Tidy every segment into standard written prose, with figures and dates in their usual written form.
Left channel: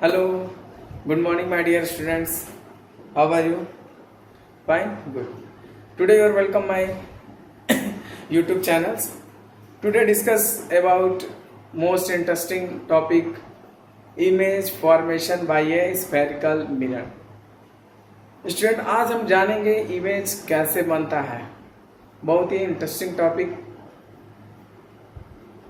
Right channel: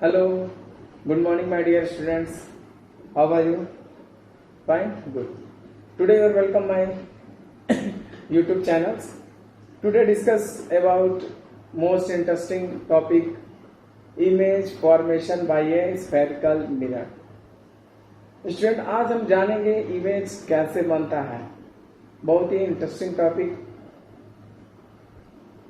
Hello, good morning, my dear students. How are you? Fine, good. Today you are welcome my YouTube channels. Today discuss about most interesting topic image formation by a spherical mirror. Student आज हम जानेंगे image कैसे बनता है। बहुत ही interesting topic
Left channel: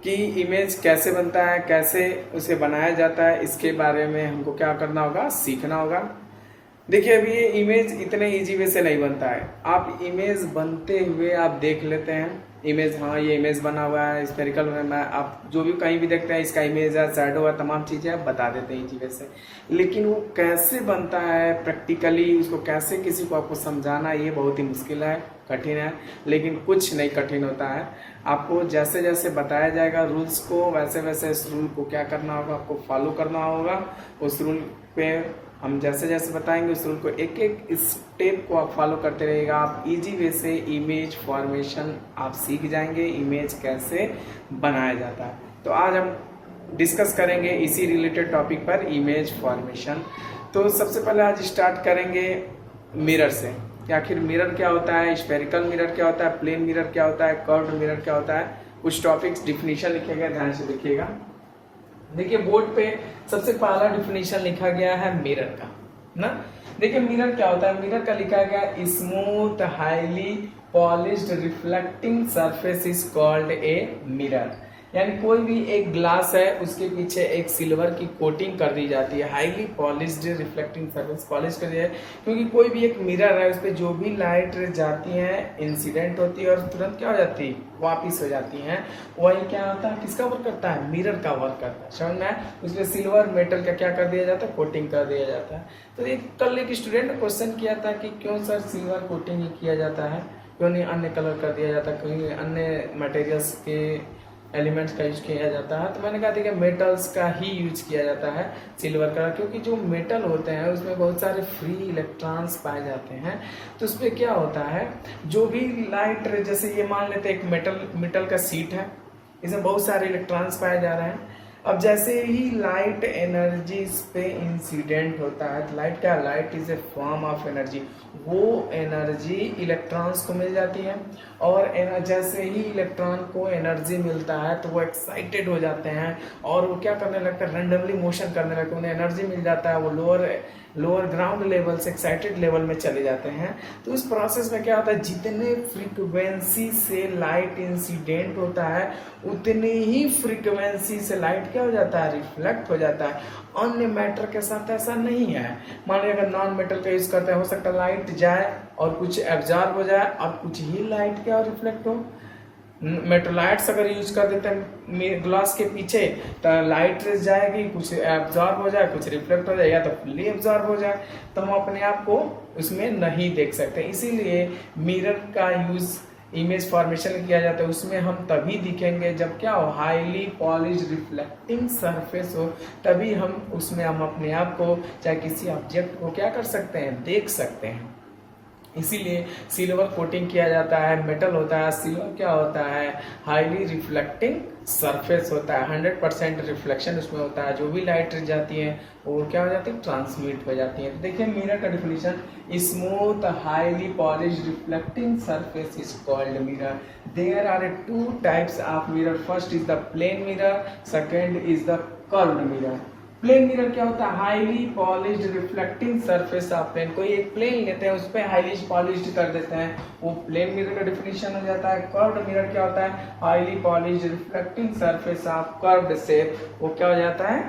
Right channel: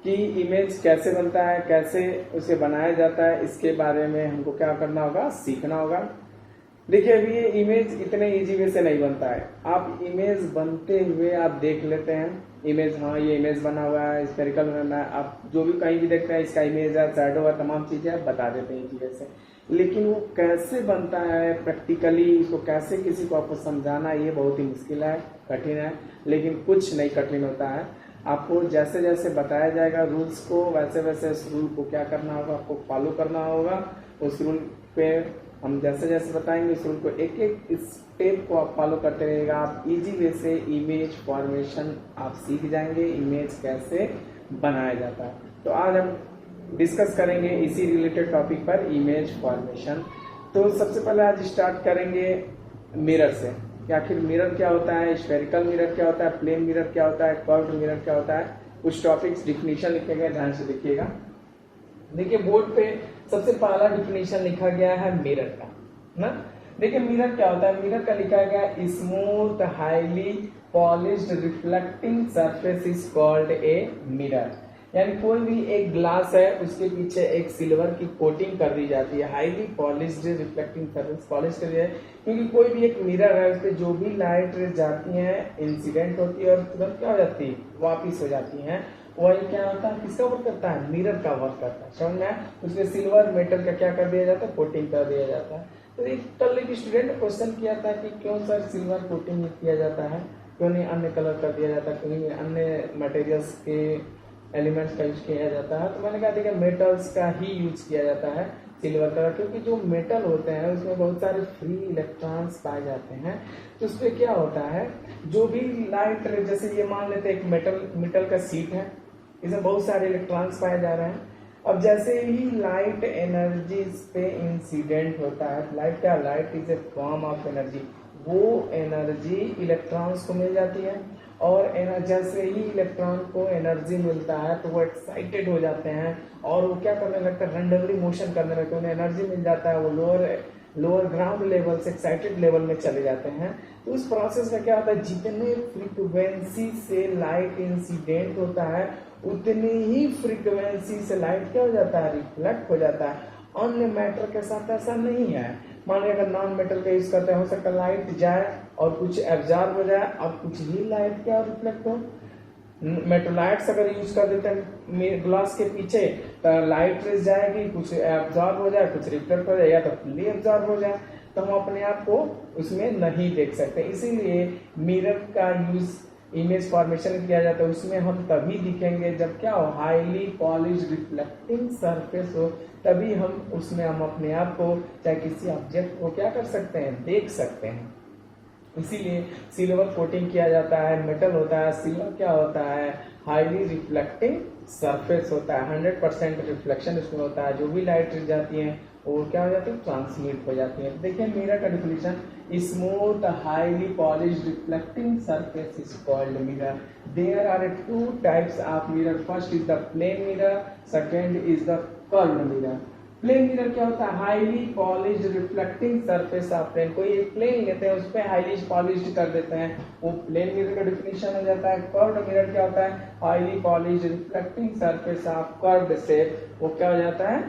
कि image कैसे बनता है, कैसे उसे बनाया जाता है, इसके बारे में हमको क्या करना होगा, सीखना होगा। देखिए अभी ये इमेज इतने इजी वे से नहीं बनता है। आप इमेज बनते हुए आप देख लेते हैं इमेज, हाँ ये इमेज बना हुआ है स्फेरिकल में, आप जो भी कहीं भी देखते हैं इसका इमेज है, शैडो है, तमाम चीज़ें आप बता देते हैं इजी वे से। लेकिन वो कैसे बनता है प्रैक्टिकली, उसको कैसे किसी को आपको समझाना, ये बहुत ही मुश्किल है, कठिन है। लेकिन कुछ नहीं कठिन होता है, आपको जैसे जैसे बताया जाएगा रूल्स को, वैसे वैसे इस रूल को क्या करना होगा, आपको फॉलो करना होगा। उस रूल पे हम जैसे जैसे बताएंगे उस रूल को, एक एक स्टेप को आप फॉलो करते रहिएगा। आप इजी वे से इमेज फॉर्मेशन आप सीख जाएंगे, इमेज कैसे बनाया जाता है। तो आज हम डिस्कस करेंगे इसी रिलेटेड टॉपिक पर, इमेज फॉर्मेशन। तो सबसे पहले आज स्टार्ट करेंगे मिरर से कि आखिर मिरर क्या होता है, स्फेरिकल मिरर क्या होता है, प्लेन मिरर क्या होता है, कर्व्ड मिरर क्या होता है। कुछ टॉपिक्स डिफिनीशन लिखे गए, ध्यान से देखिएगा। देखिए बोर्ड पे सबसे पहला डिफिनीशन लिखा गया है मिरर का ना। देखिए मिरर क्या होता है, मिरर का लिखा गया smooth highly polished reflecting surface is called a mirror. यानी कोई भी एक ग्लास है उसके पीछे एक सिल्वर की कोटिंग कर दी जाती है, highly polished reflecting surface polish कर दिया है, क्योंकि कोई भी एक मिरर है उस पर जो भी लाइट जाती है इंसिडेंट होती है और तुरंत क्या हो जाती है, वापिस हो जाती है। वही क्या होता है, किसका वर्क करता है, मिरर का वर्क करता है। समझ में, उस पर सिल्वर मेटल का क्या कर दिया जाता है, कोटिंग कर दिया जाता है। तो एक कल एक स्टूडेंट ने क्वेश्चन किया था कि क्यों सर सिल्वर कोटिंग ही किया जाता है, क्यों नहीं अन्य कलर कर दिया जाता है, क्यों अन्य मटेरियल्स के एलिमेंट्स का यूज किया जाता है। तो मैंने कहा देखिए मेटल्स का ही यूज किया जाता है सिल्वर का, क्योंकि जो मेटल होते हैं उसमें बहुत सारे फ्री इलेक्ट्रॉन्स पाए जाते हैं। तो उस पर क्या होता है, जो भी लाइट, जैसे ये मान लेते हैं एक मेटल का सीट है, इसमें बहुत सारे इलेक्ट्रॉन्स पाए जा रहे हैं। अब जैसे ही लाइट एनर्जी इस पे इंसिडेंट होता है, तो लाइट क्या, light is a form of energy, वो एनर्जी इलेक्ट्रॉन्स को मिल जाती है। और जैसे ही इलेक्ट्रॉन को एनर्जी मिलता है तो वो एक्साइटेड हो जाते हैं और वो क्या करने लगते हैं, रेंडमली मोशन करने लगते हैं, उन्हें एनर्जी मिल जाता है, वो लोअर ग्राउंड लेवल से एक्साइटेड लेवल में चले जाते हैं। तो इस प्रोसेस में क्या होता है, जितने फ्रीक्वेंसी से लाइट इंसिडेंट होता है उतनी ही फ्रीक्वेंसी से लाइट क्या हो जाता है, रिफ्लेक्ट हो जाता है। अन्य मैटर के साथ ऐसा नहीं है। मान लीजिए अगर नॉन मेटल का यूज करते हैं, हो सकता है लाइट जाए और कुछ एब्जॉर्ब हो जाए और कुछ ही लाइट क्या रिफ्लेक्ट हो। मेटलाइट्स अगर यूज कर देते हैं ग्लास के पीछे तो लाइट रेस जाएगी, कुछ एब्जॉर्ब हो जाए, कुछ रिफ्लेक्ट हो जाए, या तो फुल्ली एब्जॉर्ब हो जाए, तो हम अपने आप को उसमें नहीं देख सकते। इसीलिए मिरर का यूज इमेज फॉर्मेशन किया जाता है। उसमें हम तभी दिखेंगे जब क्या हो, हाईली पॉलिश रिफ्लेक्टिंग सरफेस हो, तभी हम उसमें हम अपने आप को, चाहे किसी ऑब्जेक्ट को क्या कर सकते हैं, देख सकते हैं। इसीलिए सिल्वर कोटिंग किया जाता है, मेटल होता है, सिल्वर क्या होता है, हाईली रिफ्लेक्टिंग सरफेस होता है, 100% रिफ्लेक्शन उसमें होता है। जो भी लाइट जाती है वो क्या हो जाती है, ट्रांसमिट हो जाती है। तो देखिए मिरर का definition, smooth highly polish reflecting surface is called mirror. There are two types of mirror, first is the plane mirror, second is the curved mirror. Plane mirror क्या होता है, highly polished reflecting surface of plane. कोई एक plane लेते हैं उस पर highly polished कर देते हैं, वो प्लेन मिरर का डिफिनीशन हो जाता है। कर्व्ड मिरर क्या होता है, highly polished reflecting surface of curved shape, वो क्या हो जाता है,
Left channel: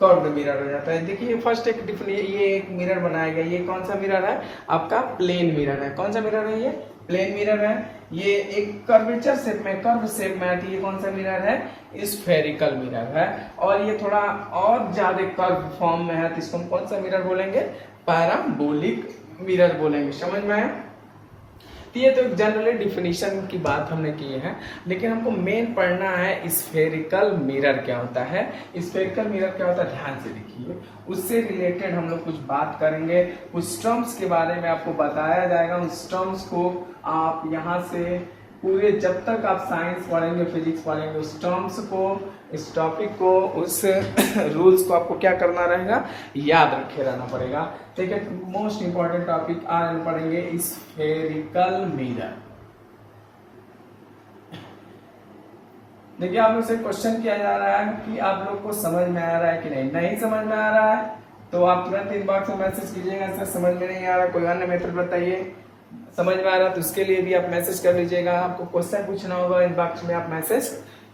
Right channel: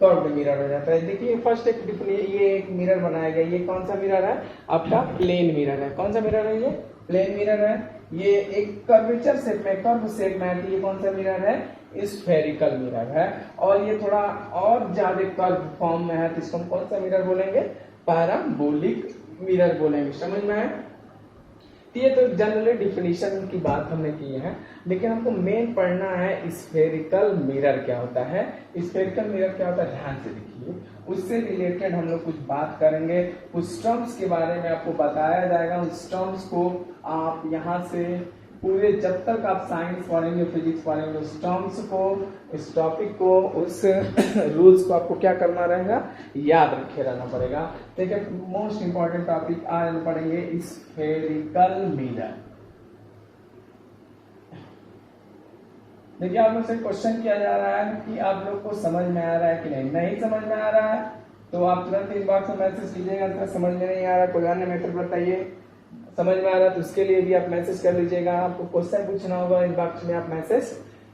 कर्व्ड मिरर हो जाता है। देखिए फर्स्ट एक ये एक मिरर बनाया गया, ये कौन सा मिरर है, आपका प्लेन मिरर है। कौन सा मिरर है, ये प्लेन मिरर है। ये एक कर्वेचर शेप में, कर्व शेप में आती है, कौन सा मिरर है, स्फेरिकल मिरर है। और ये थोड़ा और ज्यादा कर्व फॉर्म में है, तो इसको हम कौन सा मिरर बोलेंगे, पैराबोलिक मिरर बोलेंगे। समझ में आया। ये तो जनरली डिफिनीशन की बात हमने की है, लेकिन हमको मेन पढ़ना है स्फेरिकल मिरर क्या होता है। स्फेरिकल मिरर क्या होता है, ध्यान से देखिए, उससे रिलेटेड हम लोग कुछ बात करेंगे, कुछ टर्म्स के बारे में आपको बताया जाएगा। उस टर्म्स को आप यहाँ से पूरे जब तक आप साइंस पढ़ेंगे, फिजिक्स पढ़ेंगे, उस टर्म्स को, इस टॉपिक को, उस रूल्स को आपको क्या करना रहेगा, याद रखे रहना पड़ेगा। ठीक है, मोस्ट इंपॉर्टेंट टॉपिक आज पढ़ेंगे स्फेरिकल मिरर। देखिए, आप लोग से क्वेश्चन किया जा रहा है कि आप लोग को समझ में आ रहा है कि नहीं समझ में आ रहा है तो आप तुरंत इनबॉक्स में मैसेज कीजिएगा, सर समझ में नहीं आ रहा, कोई अन्य मेथड बताइए। समझ में आ रहा तो उसके लिए भी आप मैसेज कर लीजिएगा। आपको क्वेश्चन पूछना होगा, इनबॉक्स में आप मैसेज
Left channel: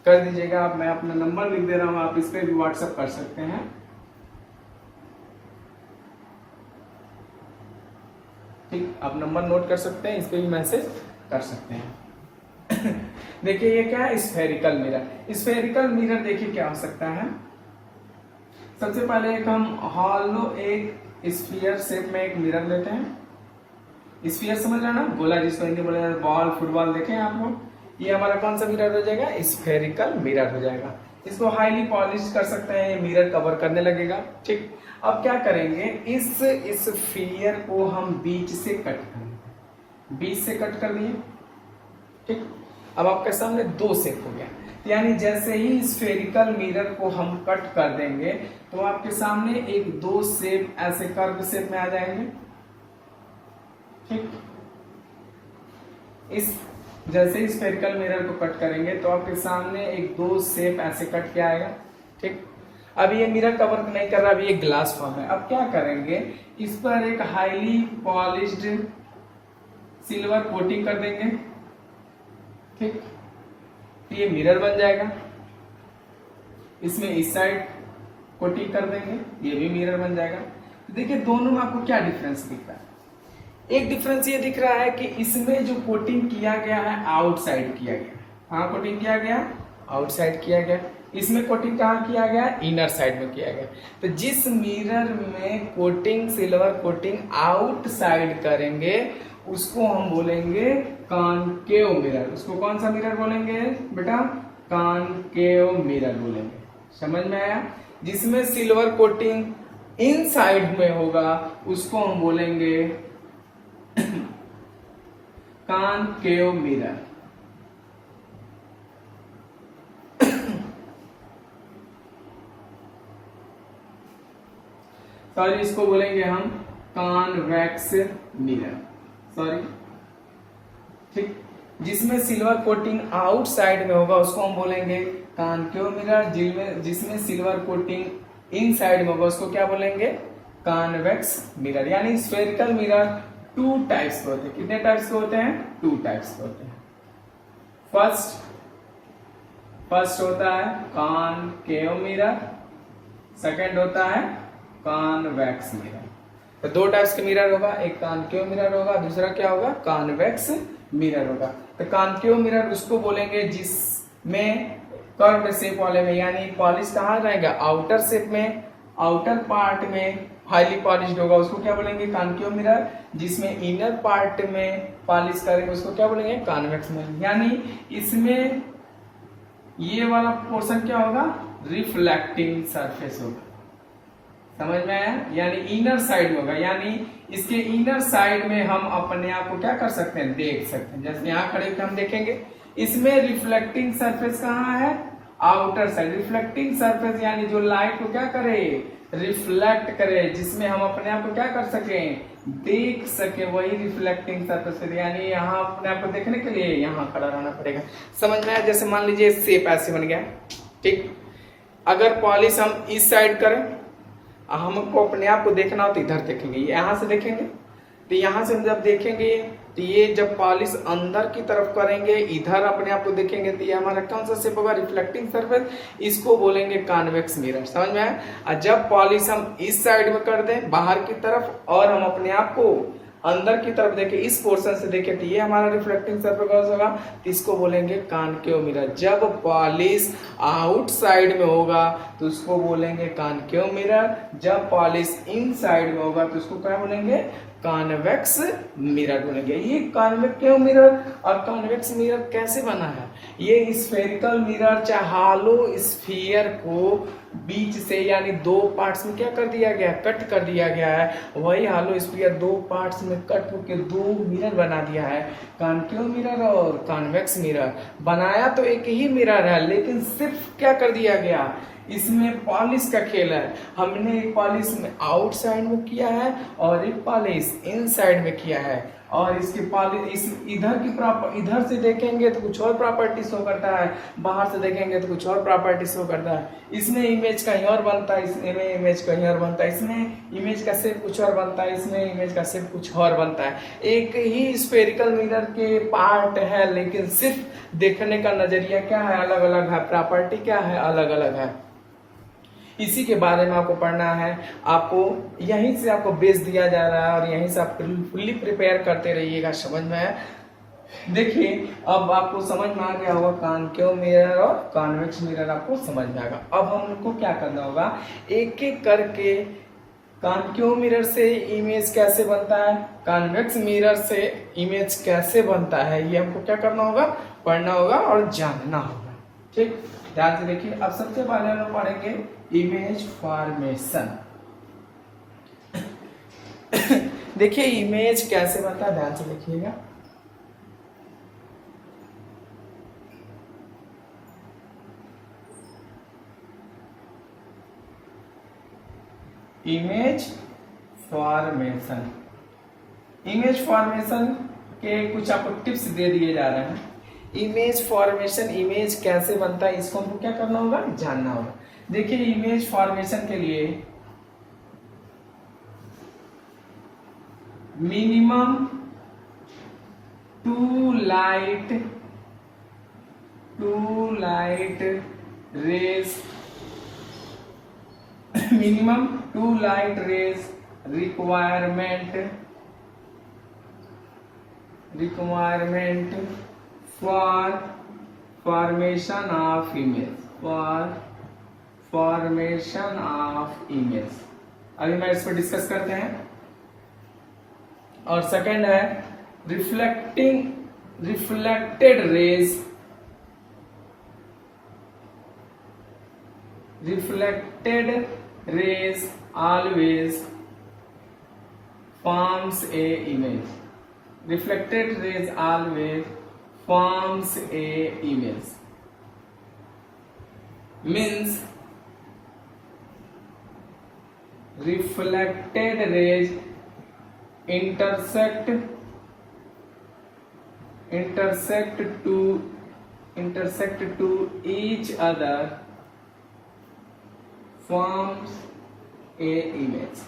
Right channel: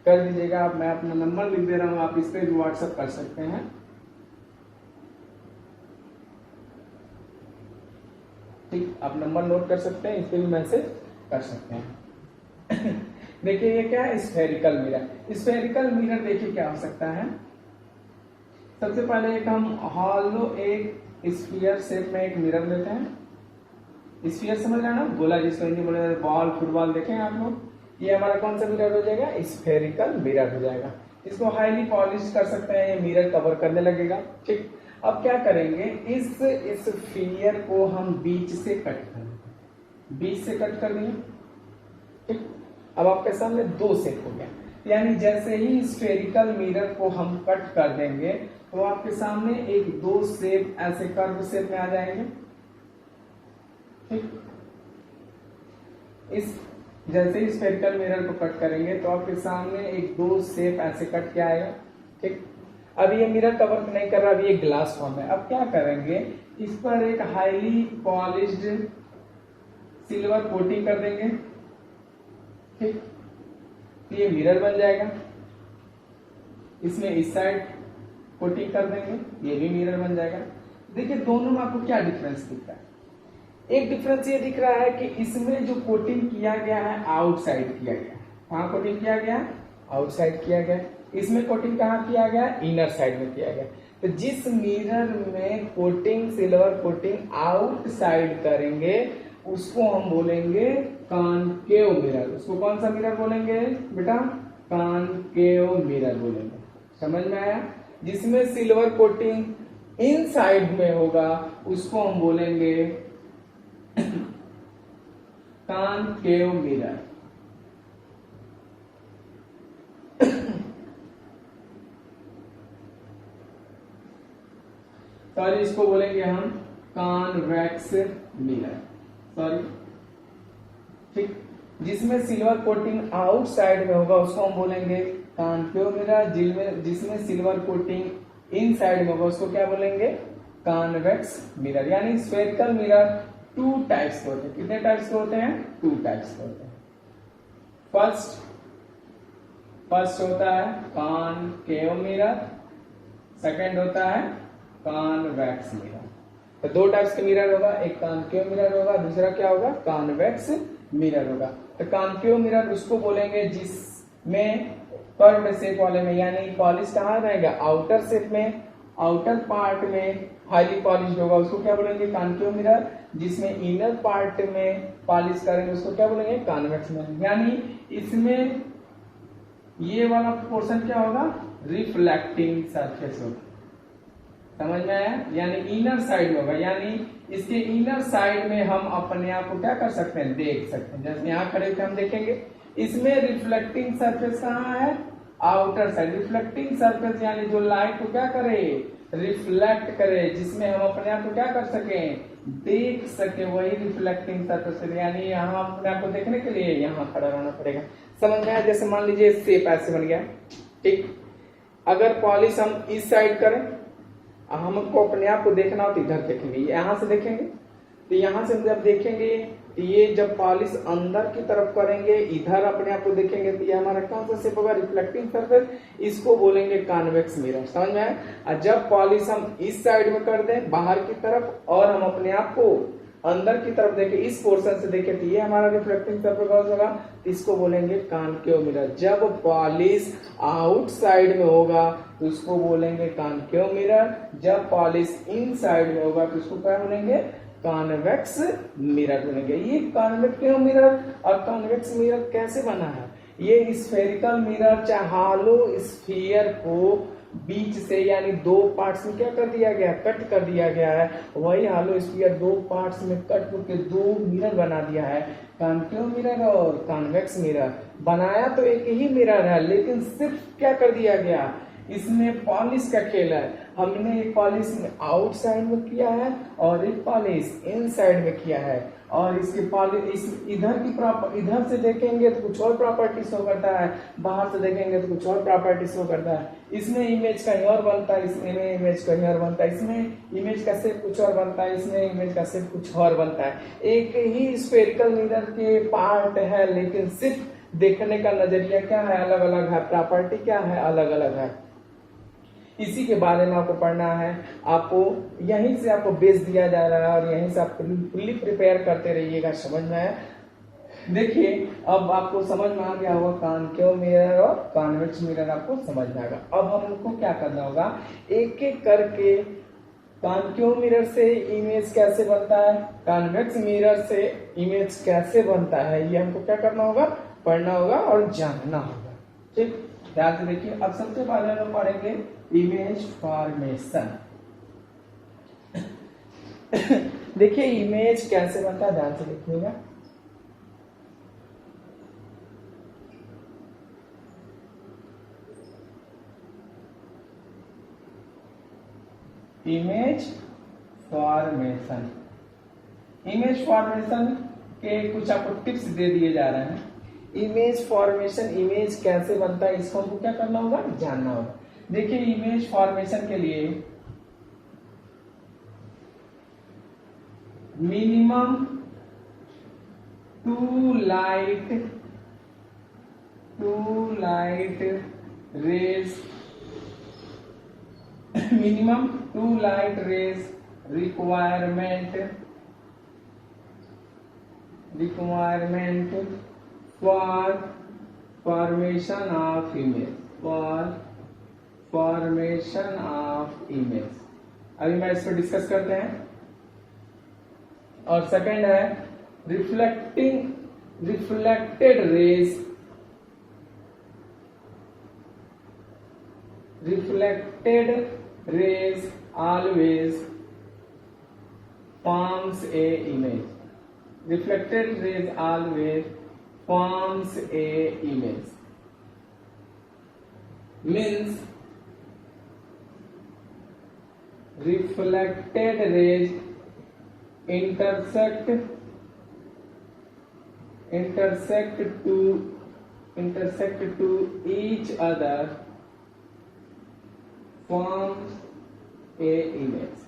कर दीजिएगा। मैं अपना नंबर लिख दे रहा हूँ, आप इस पर भी व्हाट्सएप कर सकते हैं। ठीक, आप नंबर नोट कर सकते हैं, इस पर भी मैसेज कर सकते हैं। देखिए, ये क्या है, स्फेरिकल मिरर। स्फेरिकल मिरर देखिए क्या हो सकता है। सबसे पहले एक हम हॉलो एक स्फीयर शेप में एक मिरर लेते हैं। स्फीयर समझ रहे हैं ना, गोला जिसको हिंदी बोला जाता है, बॉल, फुटबॉल देखें आप लोग। ये हमारा कौन सा मिरर हो जाएगा, स्फेरिकल मिरर हो जाएगा। इसको हाईली पॉलिश कर सकते हैं, ये मिरर कवर करने लगेगा। ठीक, अब क्या करेंगे, इस स्फीयर को हम बीच से कट करेंगे, बीच से कट कर दिए। ठीक, अब आपके सामने दो शेप हो गया, यानी जैसे ही स्फेरिकल मिरर को हम कट कर देंगे तो आपके सामने एक दो शेप ऐसे कर्व शेप में आ जाएंगे। ठीक, इस जैसे ही स्फेरिकल मिरर को कट करेंगे तो आपके सामने एक दो शेप ऐसे कट के आएगा। ठीक, अब ये मिरर कवर नहीं कर रहा, अभी ये ग्लास फॉर्म है। अब क्या करेंगे, इस पर एक हाईली पॉलिश्ड सिल्वर कोटिंग कर देंगे। ठीक, ये मिरर बन जाएगा। इसमें इस साइड कोटिंग कर देंगे, ये भी मिरर बन जाएगा। देखिए, दोनों में आपको क्या डिफरेंस दिख रहा है। एक डिफरेंस ये दिख रहा है कि इसमें जो कोटिंग किया गया है आउटसाइड किया गया, कहाँ कोटिंग किया गया, आउटसाइड किया गया। इसमें कोटिंग कहाँ किया गया, इनर साइड में किया गया। तो जिस मिरर में कोटिंग, सिल्वर कोटिंग आउटसाइड करेंगे उसको हम बोलेंगे कॉनकेव मिरर। उसको कौन सा मिरर बोलेंगे बेटा, कॉनकेव मिरर बोलेंगे। समझ में आया। जिसमें सिल्वर कोटिंग इनसाइड में होगा उसको हम बोलेंगे कॉनकेव मिरर। सॉरी, इसको बोलेंगे हम कॉन्वेक्स मिरर। सॉरी, ठीक, जिसमें सिल्वर कोटिंग आउटसाइड में होगा उसको हम बोलेंगे कॉनकेव मिरर। जिसमें सिल्वर कोटिंग इनसाइड में होगा उसको क्या बोलेंगे, कॉन्वेक्स मिरर। यानी स्फेरिकल मिरर टू टाइप्स के होते हैं। कितने टाइप्स के होते हैं, टू टाइप्स के होते हैं। फर्स्ट होता है कॉनकेव मिरर, सेकंड होता है कॉन्वेक्स मिरर। तो दो टाइप्स के मिरर होगा, एक कॉनकेव मिरर होगा, दूसरा क्या होगा, कॉन्वेक्स मिरर होगा। तो कॉनकेव मिरर उसको बोलेंगे जिसमें कर्व शेप वाले में, यानी पॉलिश कहाँ रहेगा, आउटर शेप में, आउटर पार्ट में हाईली पॉलिश्ड होगा, उसको क्या बोलेंगे, कॉनकेव मिरर। जिसमें इनर पार्ट में पॉलिश करेंगे उसको क्या बोलेंगे, कॉन्वेक्स मिरर। यानी इसमें ये वाला पोर्शन क्या होगा, रिफ्लेक्टिंग सरफेस होगा। समझ में आया, यानी इनर साइड होगा, यानी इसके इनर साइड में हम अपने आप को क्या कर सकते हैं, देख सकते हैं। जैसे यहाँ खड़े होकर हम देखेंगे, इसमें रिफ्लेक्टिंग सरफेस कहाँ है, आउटर साइड। रिफ्लेक्टिंग सरफेस यानी जो लाइट को क्या करे, रिफ्लेक्ट करे, जिसमें हम अपने आप को क्या कर सके, देख सके, वही रिफ्लेक्टिंग सरफेस। यानी यहाँ अपने आप को देखने के लिए यहाँ खड़ा रहना पड़ेगा। समझ में आया। जैसे मान लीजिए शेप ऐसे बन गया। ठीक, अगर पॉलिश हम इस साइड करें, हमको अपने आप को देखना हो तो इधर देखेंगे, यहाँ से देखेंगे, तो यहाँ से हम जब देखेंगे तो ये जब पॉलिश अंदर की तरफ करेंगे, इधर अपने आप को देखेंगे, तो ये हमारा कौन सा शेप होगा, रिफ्लेक्टिंग सरफेस। इसको बोलेंगे कॉन्वेक्स मिरर। समझ में आया। और जब पॉलिश हम इस साइड में कर दें बाहर की तरफ और हम अपने आप को अंदर की तरफ देखें, इस पोर्शन से देखें, तो ये हमारा रिफ्लेक्टिंग सरफेस होगा, तो इसको बोलेंगे कॉनकेव मिरर। जब पॉलिश आउटसाइड में होगा तो उसको बोलेंगे कॉनकेव मिरर। जब पॉलिश इनसाइड में होगा तो उसको क्या बोलेंगे, कॉन्वेक्स मिरर बोलेंगे। ये कॉन्वेक्टिव मिरर और कॉन्वेक्स मिरर कैसे बना है, ये स्फेरिकल मिरर चाहे हालो स्फीयर को बीच से यानी दो पार्ट्स में क्या कर दिया गया, कट कर दिया गया है। वही हालो स्फीयर दो पार्ट्स में कट करके दो मिरर बना दिया है, कॉन्केव मिरर और कॉन्वेक्स मिरर। बनाया तो एक ही मिरर है, लेकिन सिर्फ क्या कर दिया गया, इसमें पॉलिश का खेल है। हमने एक पॉलिश में आउटसाइड में किया है और एक पॉलिश इनसाइड में किया है। और इसके पॉलिश इधर की प्रॉपर, इधर से देखेंगे तो कुछ और प्रॉपर्टी शो करता है, बाहर से देखेंगे तो कुछ और प्रॉपर्टी शो करता है। इसमें इमेज कहीं और बनता है, इसमें इमेज कहीं और बनता है, इसमें इमेज का शेप कुछ और बनता है, इसमें इमेज का शेप कुछ और बनता है। एक ही स्फेरिकल मिरर के पार्ट है, लेकिन सिर्फ देखने का नजरिया क्या है, अलग अलग है, प्रॉपर्टी क्या है, अलग अलग है। इसी के बारे में आपको पढ़ना है। आपको यहीं से आपको बेस दिया जा रहा है और यहीं से आप फुल्ली प्रिपेयर करते रहिएगा। समझ में आया? देखिए अब आपको समझ में आ गया होगा, कॉन्केव मिरर और कॉन्वेक्स मिरर आपको समझ में आएगा। अब हम लोग को क्या करना होगा, एक एक करके कॉन्केव मिरर से इमेज कैसे बनता है, कॉन्वेक्स मिरर से इमेज कैसे बनता है, ये हमको क्या करना होगा, पढ़ना होगा और जानना होगा। ठीक, ध्यान से देखिए। अब सबसे पहले हम पढ़ेंगे इमेज फॉर्मेशन। देखिए इमेज कैसे बनता है, ध्यान से देखिएगा। इमेज फॉर्मेशन, इमेज फॉर्मेशन के कुछ आपको टिप्स दे दिए जा रहे हैं। इमेज फॉर्मेशन, इमेज कैसे बनता है, इसको हमको क्या करना होगा, जानना होगा। देखिए इमेज फॉर्मेशन के लिए minimum two light rays, minimum two light rays requirement for formation of image. अभी मैं इस पर डिस्कस करते हैं। और सेकंड है reflected raise always forms a image. Reflected rays always forms a image. Means reflected rays intersect to each other forms a image.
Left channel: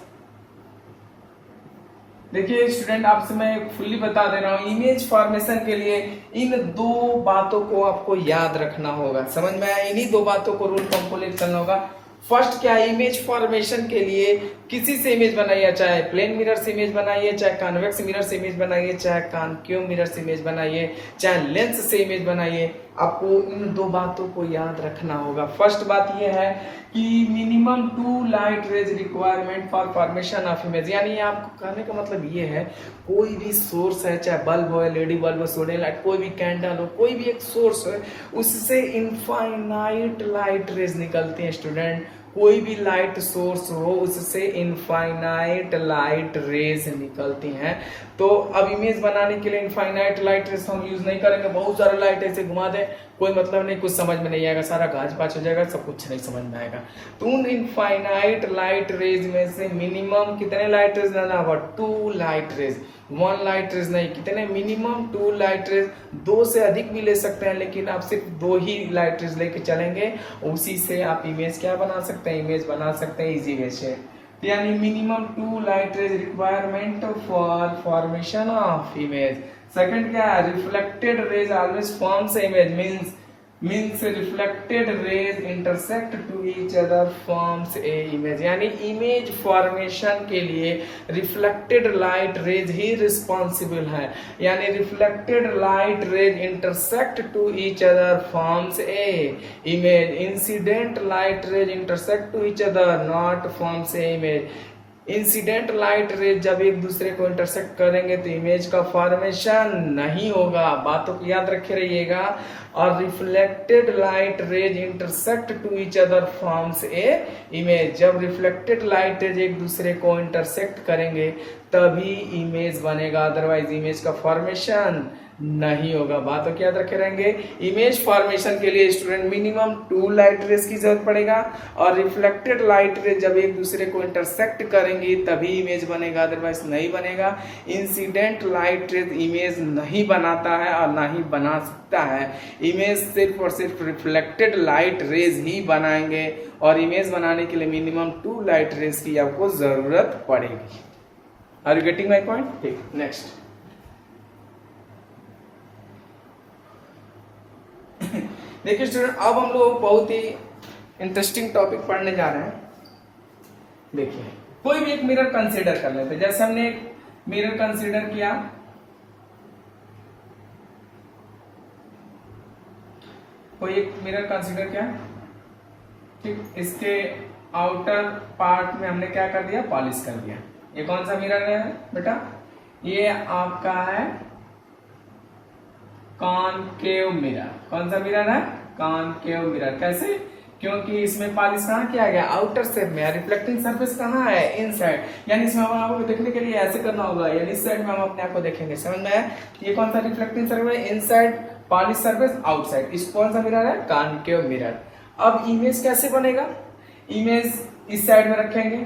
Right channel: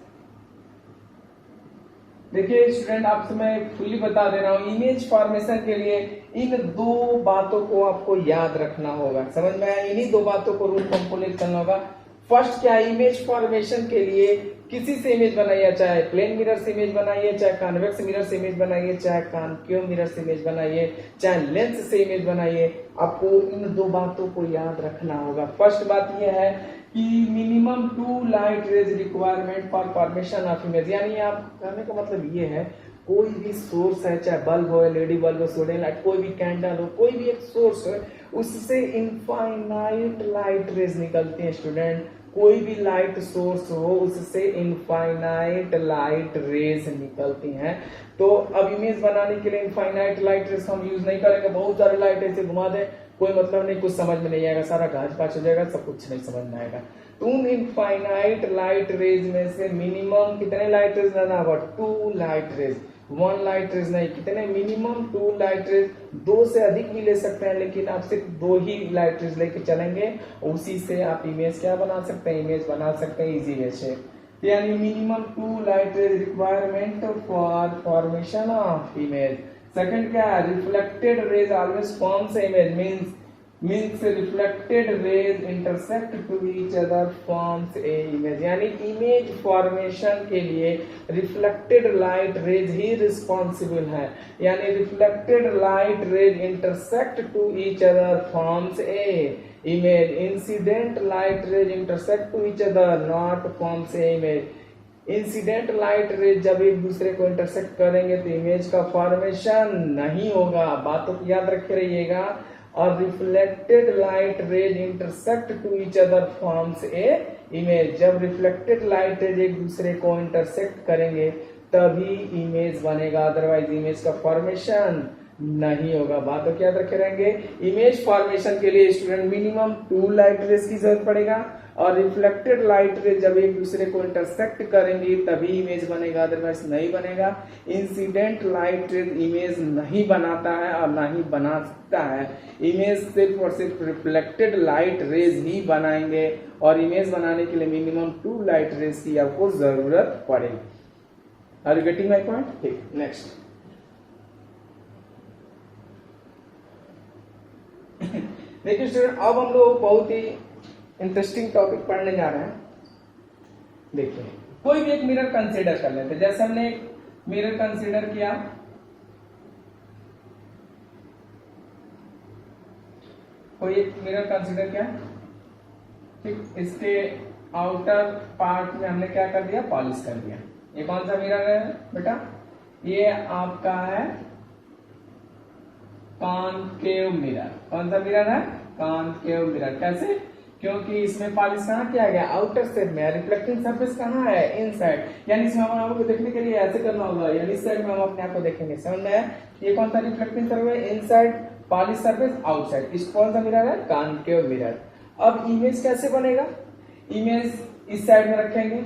देखिए student, आपसे मैं फुल्ली बता दे रहा हूँ, इमेज फॉर्मेशन के लिए इन दो बातों को आपको याद रखना होगा। समझ में आया? इन्हीं दो बातों को रूल कंप्लीट करना होगा। फर्स्ट क्या, इमेज फॉर्मेशन के लिए किसी से इमेज बनाइए, चाहे प्लेन मिरर से इमेज बनाइए, चाहे कॉन्वेक्स मिरर से इमेज बनाइए, चाहे कॉन्केव मिरर से इमेज बनाइए, चाहे लेंस से इमेज बनाइए, आपको इन दो बातों को याद रखना होगा। फर्स्ट बात यह है कि minimum two light rays requirement for formation of image, यानी आपको कहने का मतलब ये है, कोई भी सोर्स है, चाहे बल्ब हो, एलईडी बल्ब हो, सोडियम लाइट, कोई भी कैंडल हो, कोई भी एक सोर्स है, उससे इनफाइनाइट लाइट रेज निकलती है स्टूडेंट। कोई भी लाइट सोर्स हो उससे इनफाइनाइट लाइट रेज निकलती हैं। तो अब इमेज बनाने के लिए इनफाइनाइट लाइट रेज हम यूज नहीं करेंगे। बहुत सारे लाइट ऐसे घुमा दें, कोई मतलब नहीं, कुछ समझ में नहीं आएगा, सारा गाज पाच हो जाएगा, सब कुछ नहीं समझ में आएगा। तो उन इनफाइनाइट लाइट रेज में से मिनिमम कितने लाइट रेज लेना होगा, two light rays, one light rays नहीं, कितने, मिनिमम टू लाइट रेज। दो से अधिक भी ले सकते हैं, लेकिन आप सिर्फ दो ही लाइट रेज लेके चलेंगे, उसी से आप इमेज क्या बना सकते हैं, इमेज बना सकते हैं इजी वे से। यानी minimum two light rays requirement for formation of image. Second क्या है, reflected rays always forms image, means reflected rays intersect to each other forms a image. यानी इमेज फॉर्मेशन के लिए रिफ्लेक्टेड लाइट रेज ही responsible है, यानी reflected light rays intersect to each other forms a image. Incident light rays intersect to each other not forms a image. Incident light ray जब एक दूसरे को इंटरसेक्ट करेंगे तो इमेज का फॉर्मेशन नहीं होगा, बातों को याद रखे रहिएगा। और reflected light rays intersect to each other forms a image, जब रिफ्लेक्टेड लाइट रेज एक दूसरे को इंटरसेक्ट करेंगे तभी इमेज बनेगा, अदरवाइज इमेज का फॉर्मेशन नहीं होगा। बातों को याद रखे रहेंगे। इमेज फॉर्मेशन के लिए स्टूडेंट मिनिमम 2 लाइट रेज की जरूरत पड़ेगा, और रिफ्लेक्टेड लाइट रेज जब एक दूसरे को इंटरसेक्ट करेंगी तभी इमेज बनेगा, अदरवाइज नहीं बनेगा। इंसिडेंट लाइट रेज इमेज नहीं बनाता है और ना ही बना सकता है। इमेज सिर्फ और सिर्फ रिफ्लेक्टेड लाइट रेज ही बनाएंगे, और इमेज बनाने के लिए मिनिमम 2 लाइट रेज की आपको जरूरत पड़ेगी। Are you getting my point? ठीक, नेक्स्ट। देखिए स्टूडेंट, अब हम लोग बहुत ही इंटरेस्टिंग टॉपिक पढ़ने जा रहे हैं। देखिए, कोई भी एक मिरर कंसीडर कर लेते हैं। जैसे हमने एक मिरर कंसीडर किया, कोई एक मिरर कंसीडर किया, ठीक, इसके आउटर पार्ट में हमने क्या कर दिया, पॉलिश कर दिया। ये कौन सा मिरर है बेटा? ये आपका है कॉनकेव मिरर। कौन सा मिरर है? Concave mirror. कैसे? क्योंकि इसमें पॉलिश कहाँ किया गया? आउटर साइड में। रिफ्लेक्टिंग सरफेस कहाँ है? इनसाइड। यानी इसमें हम आपको देखने के लिए ऐसे करना होगा, यानी इस साइड में हम अपने आप को देखेंगे। समझ में आया? ये कौन सा reflecting surface? Inside, polish surface outside. इस कौन सा मिरर है? Concave mirror. अब इमेज कैसे बनेगा? इमेज इस साइड में रखेंगे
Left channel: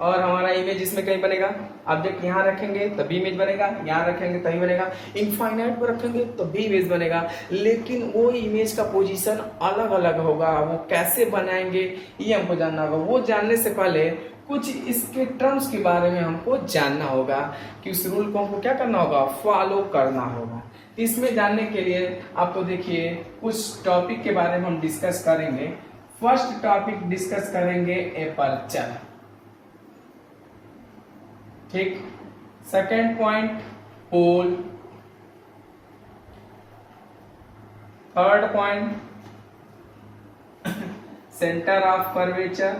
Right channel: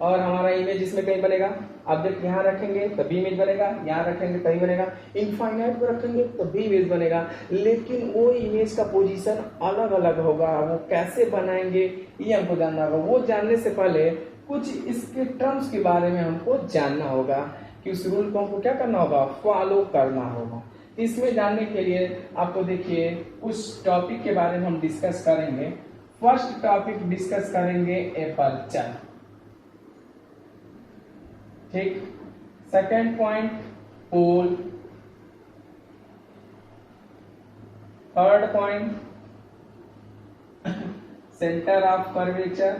और हमारा इमेज इसमें कहीं बनेगा। ऑब्जेक्ट यहाँ रखेंगे तभी इमेज बनेगा, यहाँ रखेंगे तभी बनेगा, इनफाइनाइट पर रखेंगे तभी इमेज बनेगा। लेकिन वो इमेज का पोजीशन अलग अलग होगा। वो कैसे बनाएंगे ये हमको जानना होगा। वो जानने से पहले कुछ इसके टर्म्स के बारे में हमको जानना होगा कि उस रूल को हमको क्या करना होगा, फॉलो करना होगा। इसमें जानने के लिए आपको देखिए कुछ टॉपिक के बारे में हम डिस्कस करेंगे। फर्स्ट टॉपिक डिस्कस करेंगे एपर्चर, ठीक। Second point pole, third point centre of curvature,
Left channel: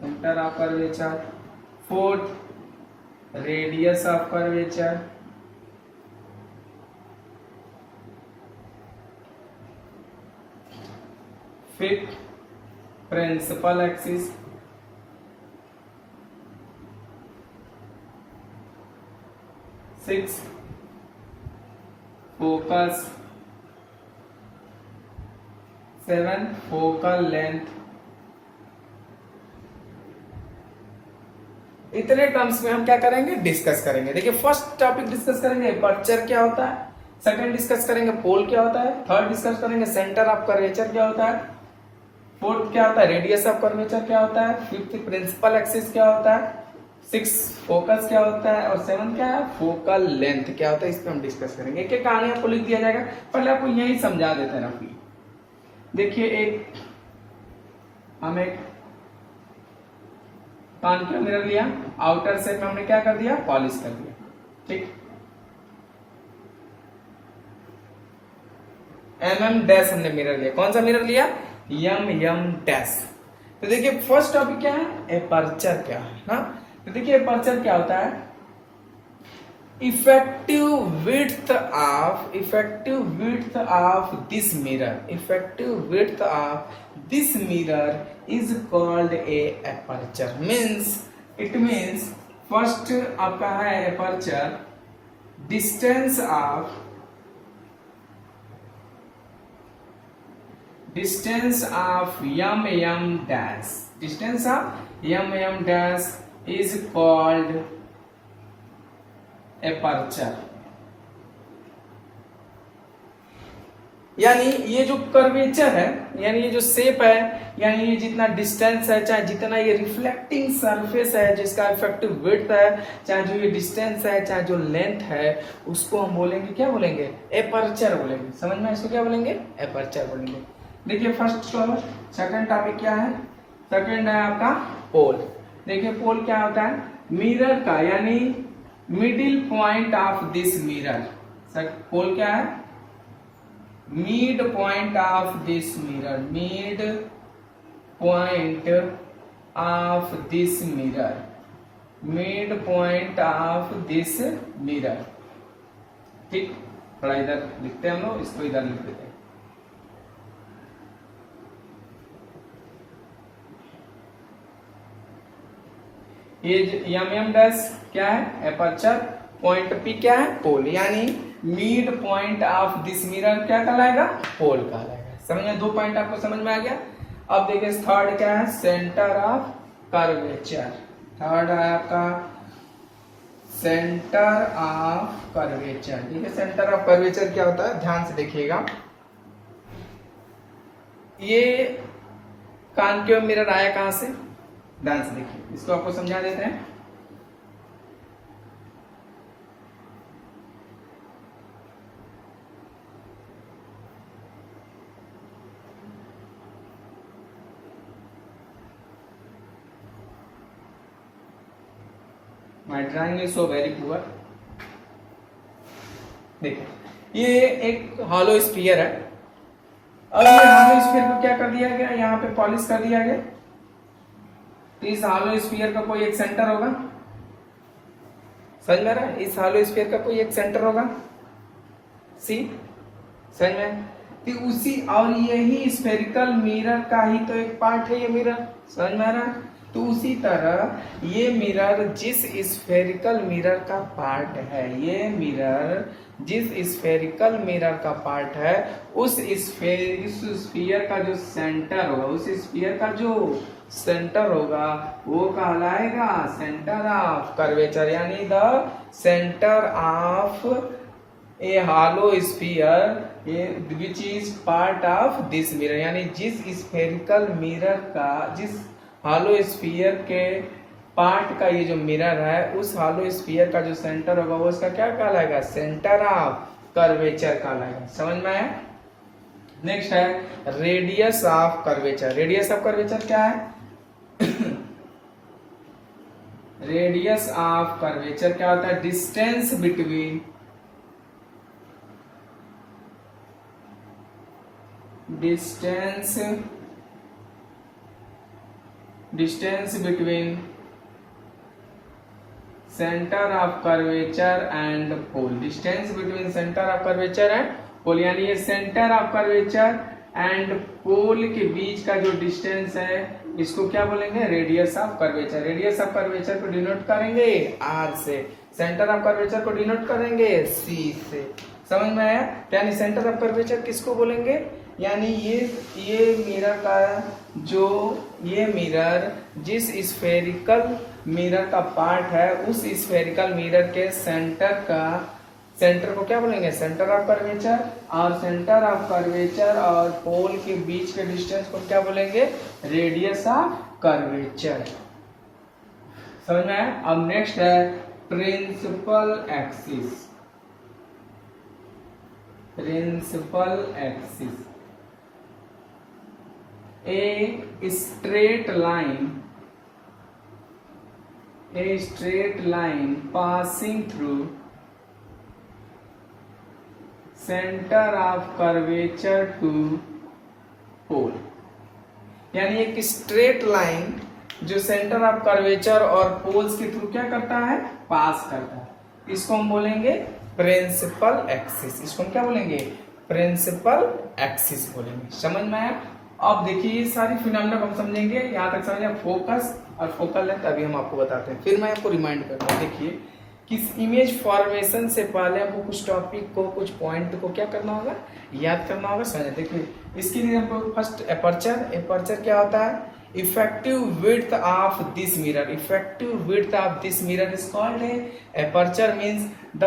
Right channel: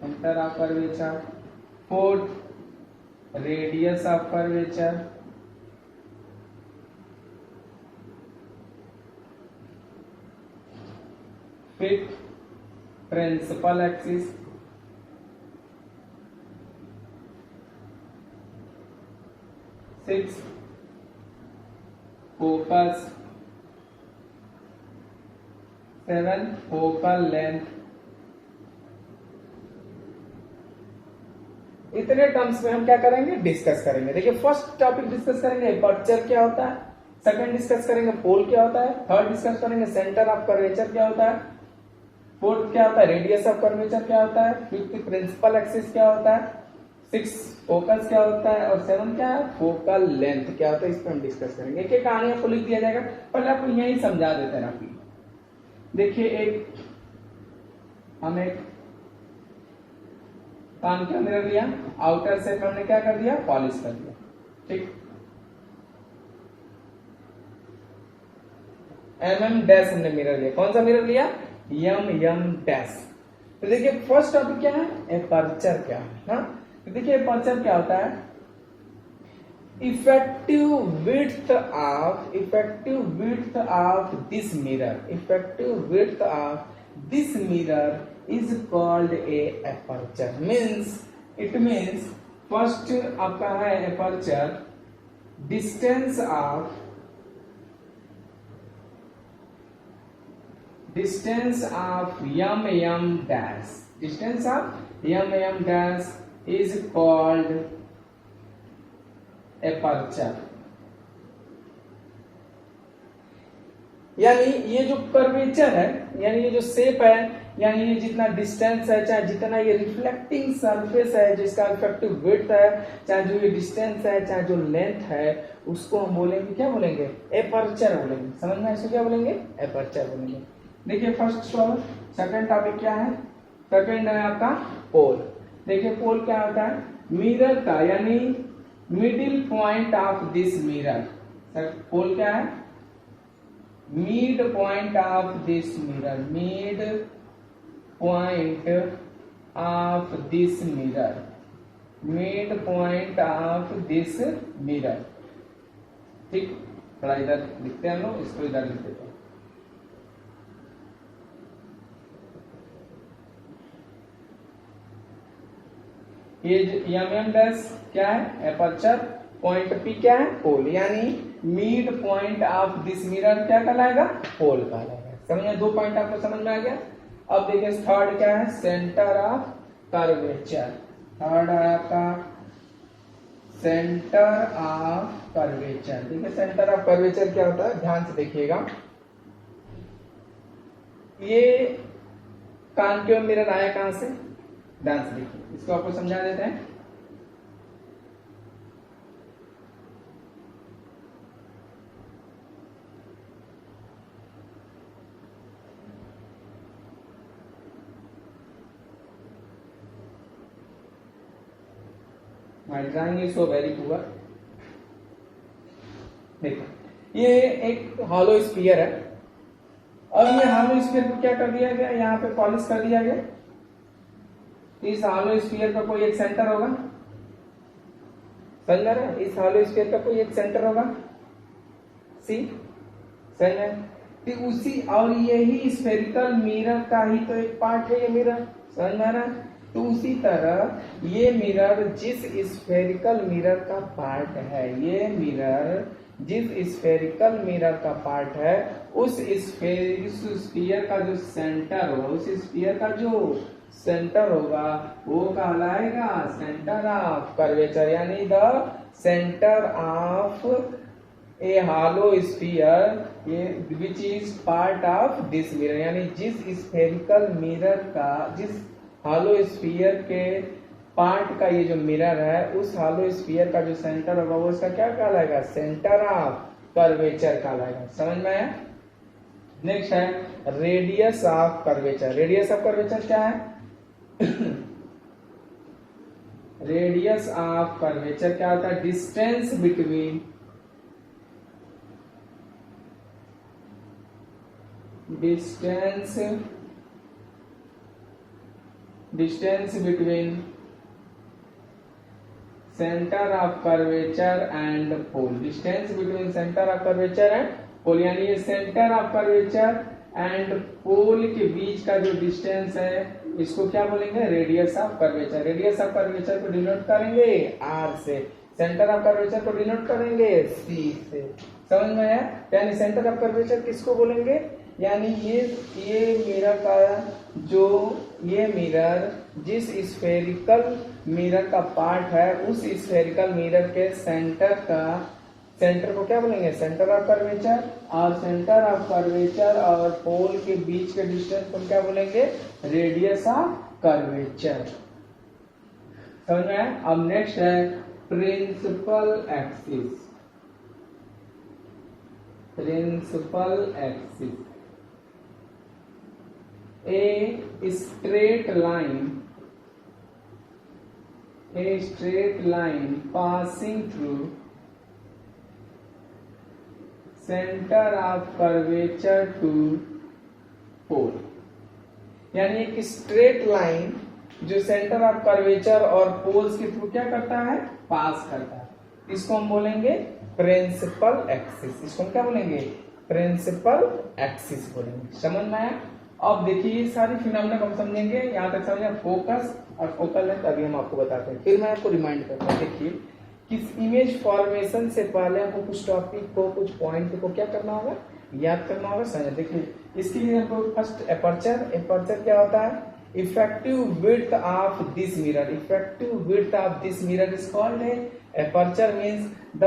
centre of curvature, fourth radius of curvature, fifth principal axis, six focus, seven focal length. इतने टर्म्स में हम क्या करेंगे, डिस्कस करेंगे। देखिए फर्स्ट टॉपिक डिस्कस करेंगे एपर्चर क्या होता है, सेकंड डिस्कस करेंगे पोल क्या होता है, थर्ड डिस्कस करेंगे सेंटर ऑफ कर्वेचर क्या होता है, फोर्थ क्या होता है रेडियस ऑफ कर्वेचर क्या होता है, फिफ्थ प्रिंसिपल एक्सिस क्या होता है, सिक्स फोकस क्या होता है, और सेवन क्या है फोकल लेंथ क्या होता है। इस पर हम डिस्कस करेंगे। एक एक कहानी आपको लिख दिया जाएगा, पहले आपको यही समझा देते हैं। देखिए एक हम एक कान का मिरर लिया, आउटर सेट में हमने क्या कर दिया, पॉलिश कर दिया, ठीक। डैश हमने मिरर लिया। कौन सा मिरर लिया, डैश। तो देखिए फर्स्ट टॉपिक क्या है, एपर्चर क्या है ना। तो देखिए एपर्चर क्या होता है, effective width of this mirror is called A aperture. It means first आपका है aperture, distance of m dash is called aperture। यानी ये जो कर्वेचर है, यानी ये जो शेप है, यानी ये जितना डिस्टेंस है, चाहे जितना ये रिफ्लेक्टिंग सरफेस है जिसका इफेक्टिव विड्थ है, चाहे जो ये डिस्टेंस है, चाहे जो लेंथ है, उसको हम बोलेंगे क्या बोलेंगे, एपर्चर बोलेंगे। समझ में, इसको क्या बोलेंगे, एपर्चर बोलेंगे। देखिए फर्स्ट टॉपिक, सेकंड टॉपिक क्या है, सेकंड है आपका पोल। देखिए पोल क्या होता है, मिरर का यानी middle point of this mirror. Pole क्या है, mid point of this mirror, mid point of this mirror, mid point of this mirror. ठीक, थोड़ा इधर लिखते हैं हम लोग, इसको इधर लिख देते हैं। ये एम डैश क्या है, एपर्चर, पॉइंट पी क्या है, पोल, यानी mid point of this mirror क्या कहलाएगा, पोल कहलाएगा। समझ में, दो पॉइंट आपको समझ में आ गया। अब देखिए थर्ड क्या है, सेंटर ऑफ कर्वेचर। थर्ड है आपका सेंटर ऑफ कर्वेचर। देखिए सेंटर ऑफ कर्वेचर क्या होता है, ध्यान से देखिएगा। ये कॉन्केव मिरर आया कहां से, ध्यान से देखिए, इसको आपको समझा देते हैं। My drawing is so very poor। देखो ये एक हॉलो स्फीयर है। अब ये हॉलो स्फीयर को क्या कर दिया गया, यहाँ पे पॉलिश कर दिया गया। तो इस हॉलो स्फीयर का कोई एक सेंटर होगा, समझ में आ रहा है, इस हॉलो स्फीयर का कोई एक सेंटर होगा, सी, समझ में। तो उसी और यही स्फेरिकल मिरर का ही तो एक पार्ट है ये मिरर, समझ में आ रहा है। तो उसी तरह ये मिरर जिस स्फेरिकल मिरर का पार्ट है, ये मिरर जिस स्फेरिकल मिरर का पार्ट है, उस स्फीयर का जो सेंटर होगा, उस स्फीयर का जो सेंटर होगा वो कहलाएगा सेंटर ऑफ कर्वेचर, यानी the centre of A hollow sphere which is part of this mirror, यानी जिस स्फेरिकल मिरर का, जिस हॉलो स्फीयर के पार्ट का ये जो मिरर है, उस हॉलो स्फीयर का जो सेंटर होगा वो उसका क्या कहलाएगा, सेंटर ऑफ कर्वेचर कहलाएगा। समझ में आया। नेक्स्ट है radius of curvature. Radius of curvature क्या है, रेडियस ऑफ कर्वेचर क्या होता है, distance between, distance between centre of curvature and pole, distance between centre of curvature and pole, यानी ये centre of curvature and pole के बीच का जो डिस्टेंस है इसको क्या बोलेंगे, radius of curvature. Radius of curvature को डिनोट करेंगे आर से, सेंटर ऑफ कर्वेचर को डिनोट करेंगे सी से। समझ में आया। यानी सेंटर ऑफ कर्वेचर किसको बोलेंगे, यानी ये मिरर का जो, ये मिरर जिस स्फेरिकल मिरर का पार्ट है, उस स्फेरिकल मिरर के सेंटर को क्या बोलेंगे, सेंटर ऑफ कर्वेचर, और सेंटर ऑफ कर्वेचर और पोल के बीच के डिस्टेंस को क्या बोलेंगे, रेडियस ऑफ कर्वेचर। समझ में आया। अब नेक्स्ट है principal axis. Principal axis, a straight line passing through center of curvature to pole, यानी एक स्ट्रेट लाइन जो सेंटर ऑफ कर्वेचर और पोल्स के थ्रू क्या करता है, पास करता है, इसको हम बोलेंगे प्रिंसिपल एक्सिस। इसको हम क्या बोलेंगे, प्रिंसिपल एक्सिस बोलेंगे। समझ में आया। अब देखिए ये सारी फिनोमेना हम समझेंगे, यहाँ तक समझे फोकस और फोकल लेंथ अभी हम आपको बताते हैं। फिर मैं आपको रिमाइंड करता हूँ, देखिए किस इमेज फॉर्मेशन से पहले आपको कुछ टॉपिक को, कुछ पॉइंट को क्या करना होगा, याद करना होगा, समझ। देखिए इसके लिए हमको फर्स्ट एपर्चर क्या होता है, effective width of this mirror, effective width of this mirror is called aperture means the,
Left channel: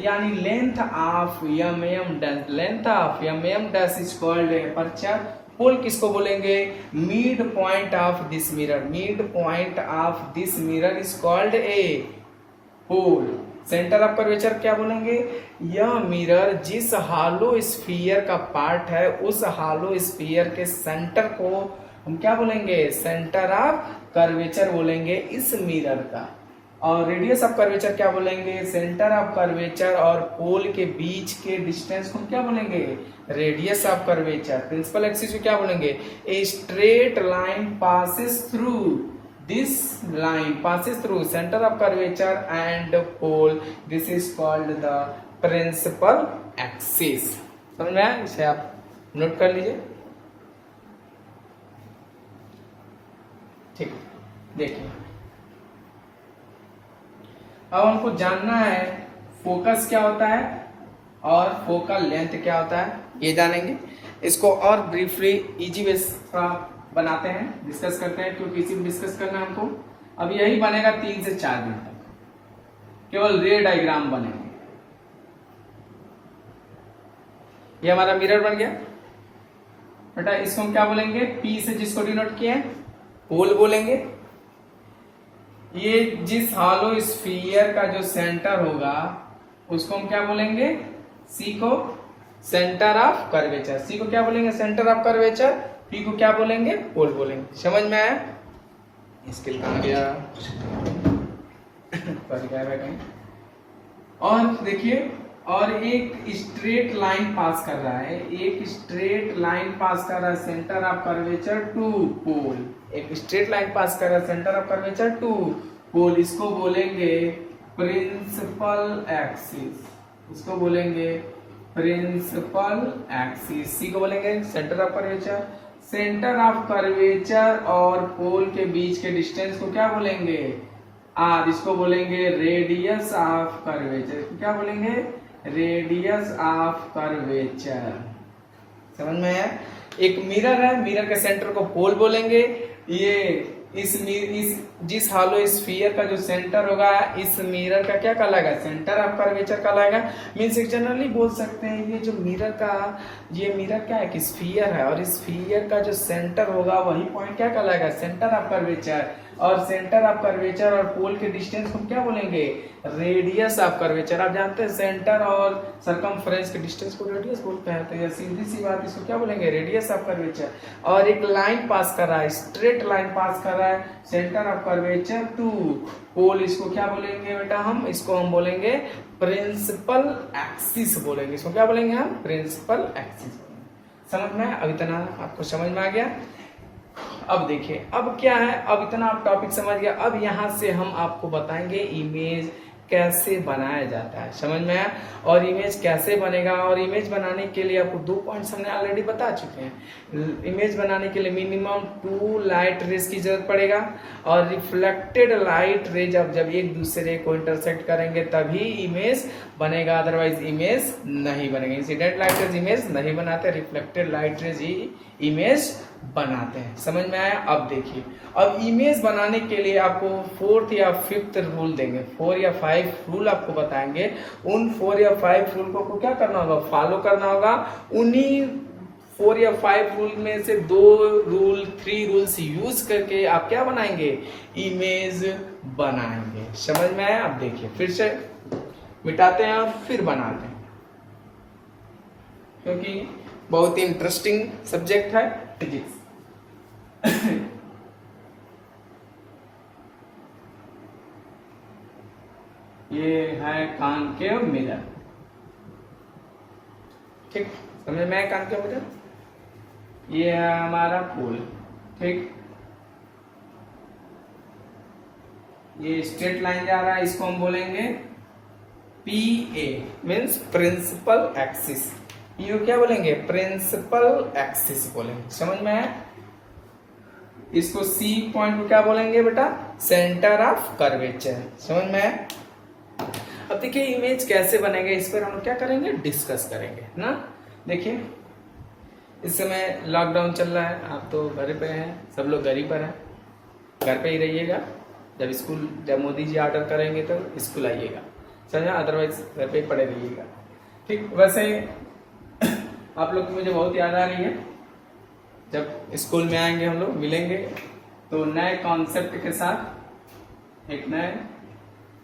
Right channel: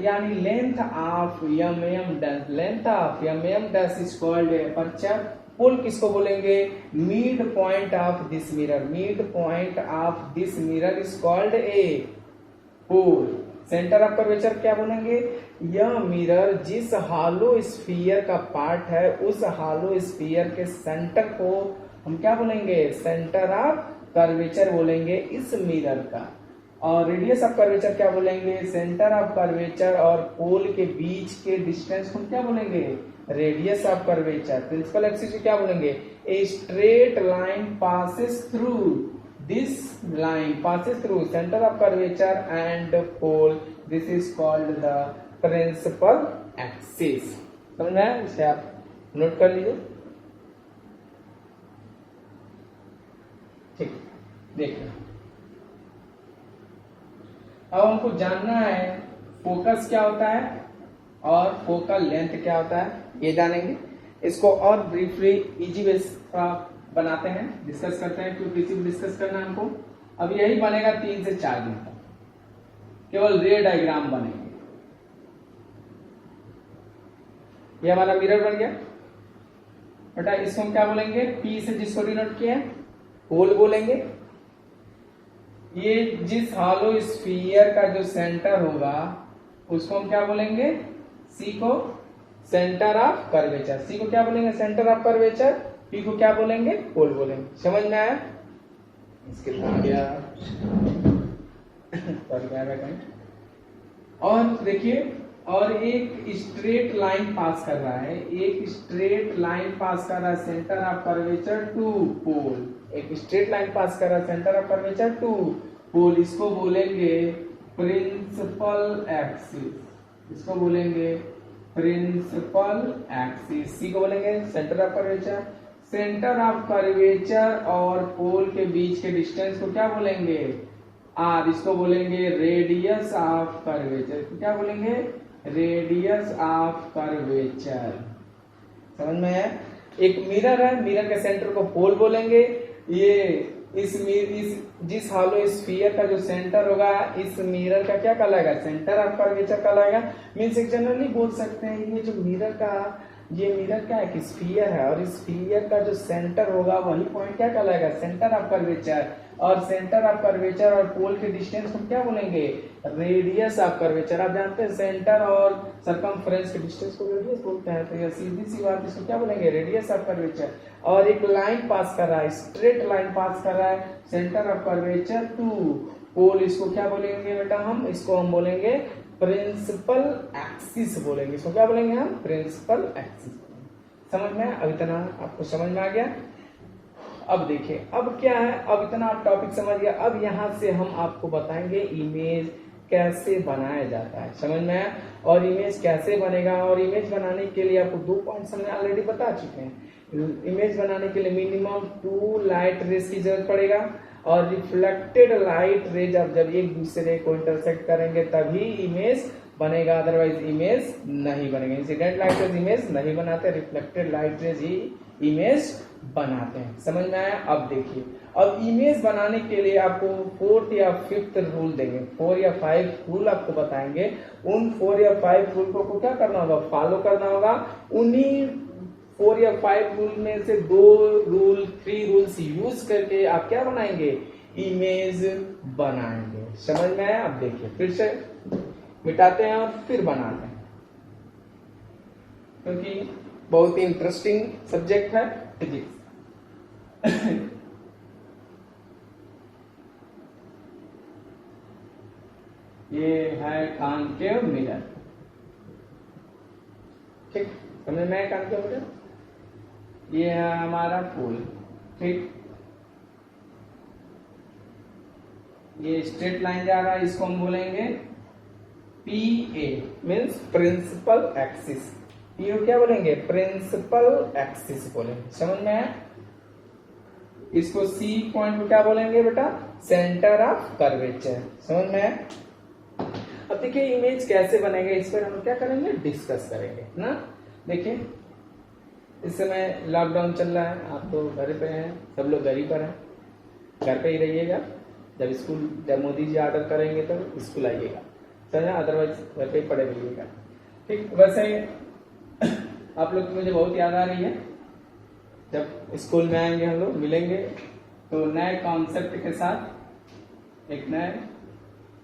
यानी length of M dash is called aperture. Pole किसको बोलेंगे, mid point of this mirror, mid point of this mirror is called a pole. Centre of curvature क्या बोलेंगे, यह mirror जिस hollow sphere का part है, उस हॉलो स्फीयर के सेंटर को हम क्या बोलेंगे, सेंटर ऑफ कर्वेचर बोलेंगे इस मिरर का। और रेडियस ऑफ कर्वेचर क्या बोलेंगे, सेंटर ऑफ कर्वेचर और पोल के बीच के डिस्टेंस को क्या बोलेंगे, radius of curvature. Principal axis को क्या बोलेंगे, a straight line passes through, this line passes through centre of curvature and pole, this is called the principal axis. समझ में आया, इसे आप नोट कर लीजिए। ठीक, देखिए अब हमको जानना है फोकस क्या होता है और फोकल लेंथ क्या होता है, ये जानेंगे। इसको और ब्रीफली इजी वे बनाते हैं, डिस्कस करते हैं, क्योंकि इसी को डिस्कस करना है हमको। अब यही बनेगा 3 से 4 दिन तक, केवल रे डायग्राम बनेंगे। ये हमारा मिरर बन गया बेटा, इसको हम क्या बोलेंगे, पी से जिसको डिनोट किए पोल बोलेंगे। ये जिस हॉलो स्फीयर का जो सेंटर होगा उसको हम क्या बोलेंगे, सी को सेंटर ऑफ कर्वेचर, सी को क्या बोलेंगे सेंटर ऑफ कर्वेचर, पी को क्या बोलेंगे पोल बोलेंगे। समझ में आया, इसके कहा गया कहीं। और देखिए, और एक स्ट्रेट लाइन पास कर रहा है, एक स्ट्रेट लाइन पास कर रहा है सेंटर ऑफ कर्वेचर टू पोल, एक स्ट्रेट लाइन पास कर रहा है सेंटर ऑफ कर्वेचर टू पोल, इसको बोलेंगे प्रिंसिपल एक्सिस, इसको बोलेंगे प्रिंसिपल एक्सिस। सी को बोलेंगे centre of curvature, centre of curvature और पोल के बीच के डिस्टेंस को क्या बोलेंगे, आर, इसको बोलेंगे रेडियस ऑफ कर्वेचर, क्या बोलेंगे रेडियस ऑफ कर्वेचर। समझ में आया, एक मिरर है, मिरर के सेंटर को पोल बोलेंगे। ये इस जिस हॉलो स्फीयर का जो सेंटर होगा इस मिरर का क्या कहलाएगा, सेंटर ऑफ कर्वेचर कहलाएगा। मींस जनरली बोल सकते हैं ये जो मिरर का, ये मिरर क्या है कि स्फीयर है, और इस स्फीयर का जो सेंटर होगा वही पॉइंट क्या कहलाएगा, सेंटर ऑफ कर्वेचर। और सेंटर ऑफ कर्वेचर और पोल के डिस्टेंस को क्या बोलेंगे, रेडियस ऑफ कर्वेचर। आप जानते हैं सेंटर और सरकमफ्रेंस के डिस्टेंस को रेडियस बोलते हैं, सीधी सी बात, इसको क्या बोलेंगे रेडियस ऑफ कर्वेचर। और एक लाइन पास कर रहा है, स्ट्रेट लाइन पास कर रहा है सेंटर ऑफ कर्वेचर टू पोल, इसको क्या बोलेंगे बेटा, हम इसको हम बोलेंगे प्रिंसिपल एक्सिस बोलेंगे, इसको क्या बोलेंगे हम, प्रिंसिपल एक्सिस। समझ में, अब इतना आपको समझ में आ गया। अब देखिए अब क्या है, अब इतना आप टॉपिक समझ गया। अब यहाँ से हम आपको बताएंगे इमेज कैसे बनाया जाता है। समझ में आया, और इमेज कैसे बनेगा, और इमेज बनाने के लिए आपको 2 पॉइंट्स हमने ऑलरेडी बता चुके हैं। इमेज बनाने के लिए मिनिमम 2 लाइट रेज की जरूरत पड़ेगा, और रिफ्लेक्टेड लाइट रेज अब जब एक दूसरे को इंटरसेक्ट करेंगे तभी इमेज बनेगा, अदरवाइज इमेज नहीं बनेगा। इंसिडेंट लाइट रेज इमेज नहीं बनाते, रिफ्लेक्टेड लाइट रेज ही इमेज बनाते हैं। समझ में आया। अब देखिए, अब इमेज बनाने के लिए आपको 4th या 5th रूल देंगे, 4 या 5 रूल आपको बताएंगे। उन 4 या 5 रूल को क्या करना होगा, फॉलो करना होगा। उन्हीं 4 या 5 रूल में से 3 रूल्स यूज करके आप क्या बनाएंगे, इमेज बनाएंगे। समझ में आया। अब देखिए फिर से मिटाते हैं और फिर बनाते हैं, क्योंकि बहुत ही इंटरेस्टिंग सब्जेक्ट है फिजिक्स। ये है कॉन्केव मिरर, ठीक, समझ में आया कॉन्केव मिरर। ये है हमारा पोल, ठीक, ये स्ट्रेट लाइन जा रहा है, इसको हम बोलेंगे PA मीन्स प्रिंसिपल एक्सिस। ये क्या बोलेंगे, प्रिंसिपल एक्सिस बोलेंगे। समझ में आया। इसको C पॉइंट को क्या बोलेंगे बेटा, सेंटर ऑफ कर्वेचर। समझ में आया। अब देखिए इमेज कैसे बनेगा, इस पर हम क्या करेंगे, डिस्कस करेंगे ना। देखिए इस समय लॉकडाउन चल रहा है, आप तो घर पे हैं, सब लोग घर ही पर हैं, घर पे ही रहिएगा। जब मोदी जी ऑर्डर करेंगे तो स्कूल आइएगा, समझा, अदरवाइज घर पे ही पड़े रहिएगा। ठीक, वैसे आप लोग की मुझे बहुत याद आ रही है। जब स्कूल में आएंगे हम लोग मिलेंगे तो नए कॉन्सेप्ट के साथ, एक नए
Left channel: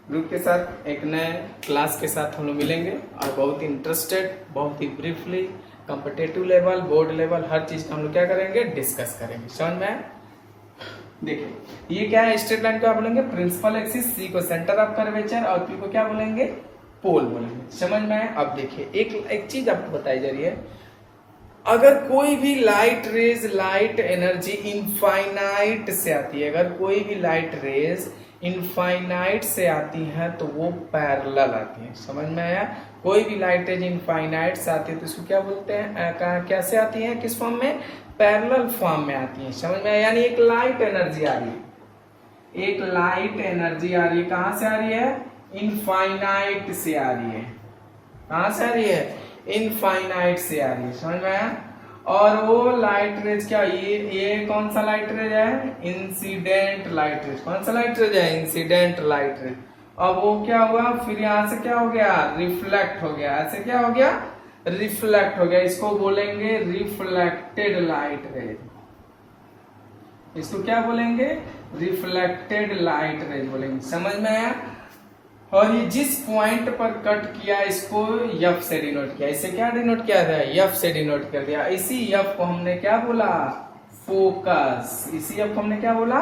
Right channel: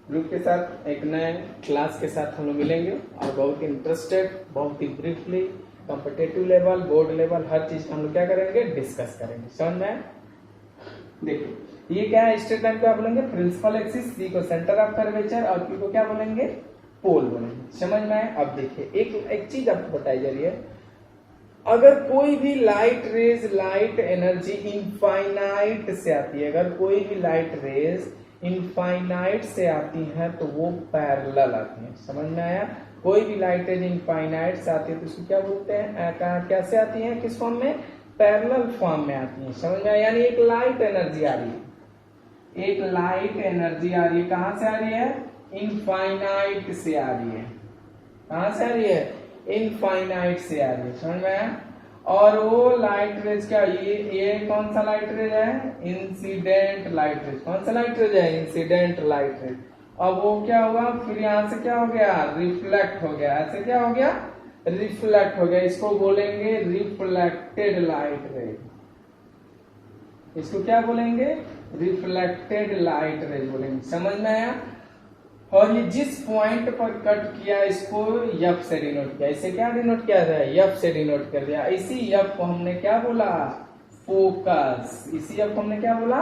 ग्रुप के साथ, एक नए क्लास के साथ हम लोग मिलेंगे, और बहुत ही इंटरेस्टेड, बहुत ही briefly competitive level, board level, हर चीज का हम लोग क्या करेंगे, डिस्कस करेंगे। समझ में देखिए ये क्या है, स्ट्रेट लाइन को आप बोलेंगे प्रिंसिपल एक्सिस, सी को सेंटर ऑफ कर्वेचर और पी को क्या बोलेंगे, पोल बोलेंगे। समझ में आया? अब देखिए एक चीज आपको बताई जा रही है, अगर कोई भी light raise, light energy infinite से आती है, अगर कोई भी लाइट रेज इनफाइनाइट से आती है तो वो पैरेलल आती है। समझ में आया? कोई भी लाइट रेज इनफाइनाइट से आती है तो इसको क्या बोलते हैं, कैसे आती है, किस फॉर्म में, पैरेलल फॉर्म में आती है। समझ में आया? यानी एक लाइट एनर्जी आ रही है, एक लाइट एनर्जी आ रही है, कहां से आ रही है, इनफाइनाइट से आ रही है। कहां से आ रही है, इनफाइनाइट से आ रही है। समझ में आया? और वो लाइट रेज क्या, ये कौन सा लाइट रेज है, इंसिडेंट लाइट रेज। कौन सा लाइट रेज है, इंसिडेंट लाइट रेज। अब वो क्या हुआ, फिर यहां से क्या हो गया, रिफ्लेक्ट हो गया, ऐसे क्या हो गया, रिफ्लेक्ट हो गया। इसको बोलेंगे रिफ्लेक्टेड लाइट रेज। इसको क्या बोलेंगे, रिफ्लेक्टेड लाइट रेज बोलेंगे। समझ में आया? और ये जिस पॉइंट पर कट किया इसको एफ से डिनोट किया, इसे क्या डिनोट किया था, एफ से डिनोट कर दिया। इसी एफ को हमने क्या बोला, फोकस। इसी एफ को हमने क्या बोला,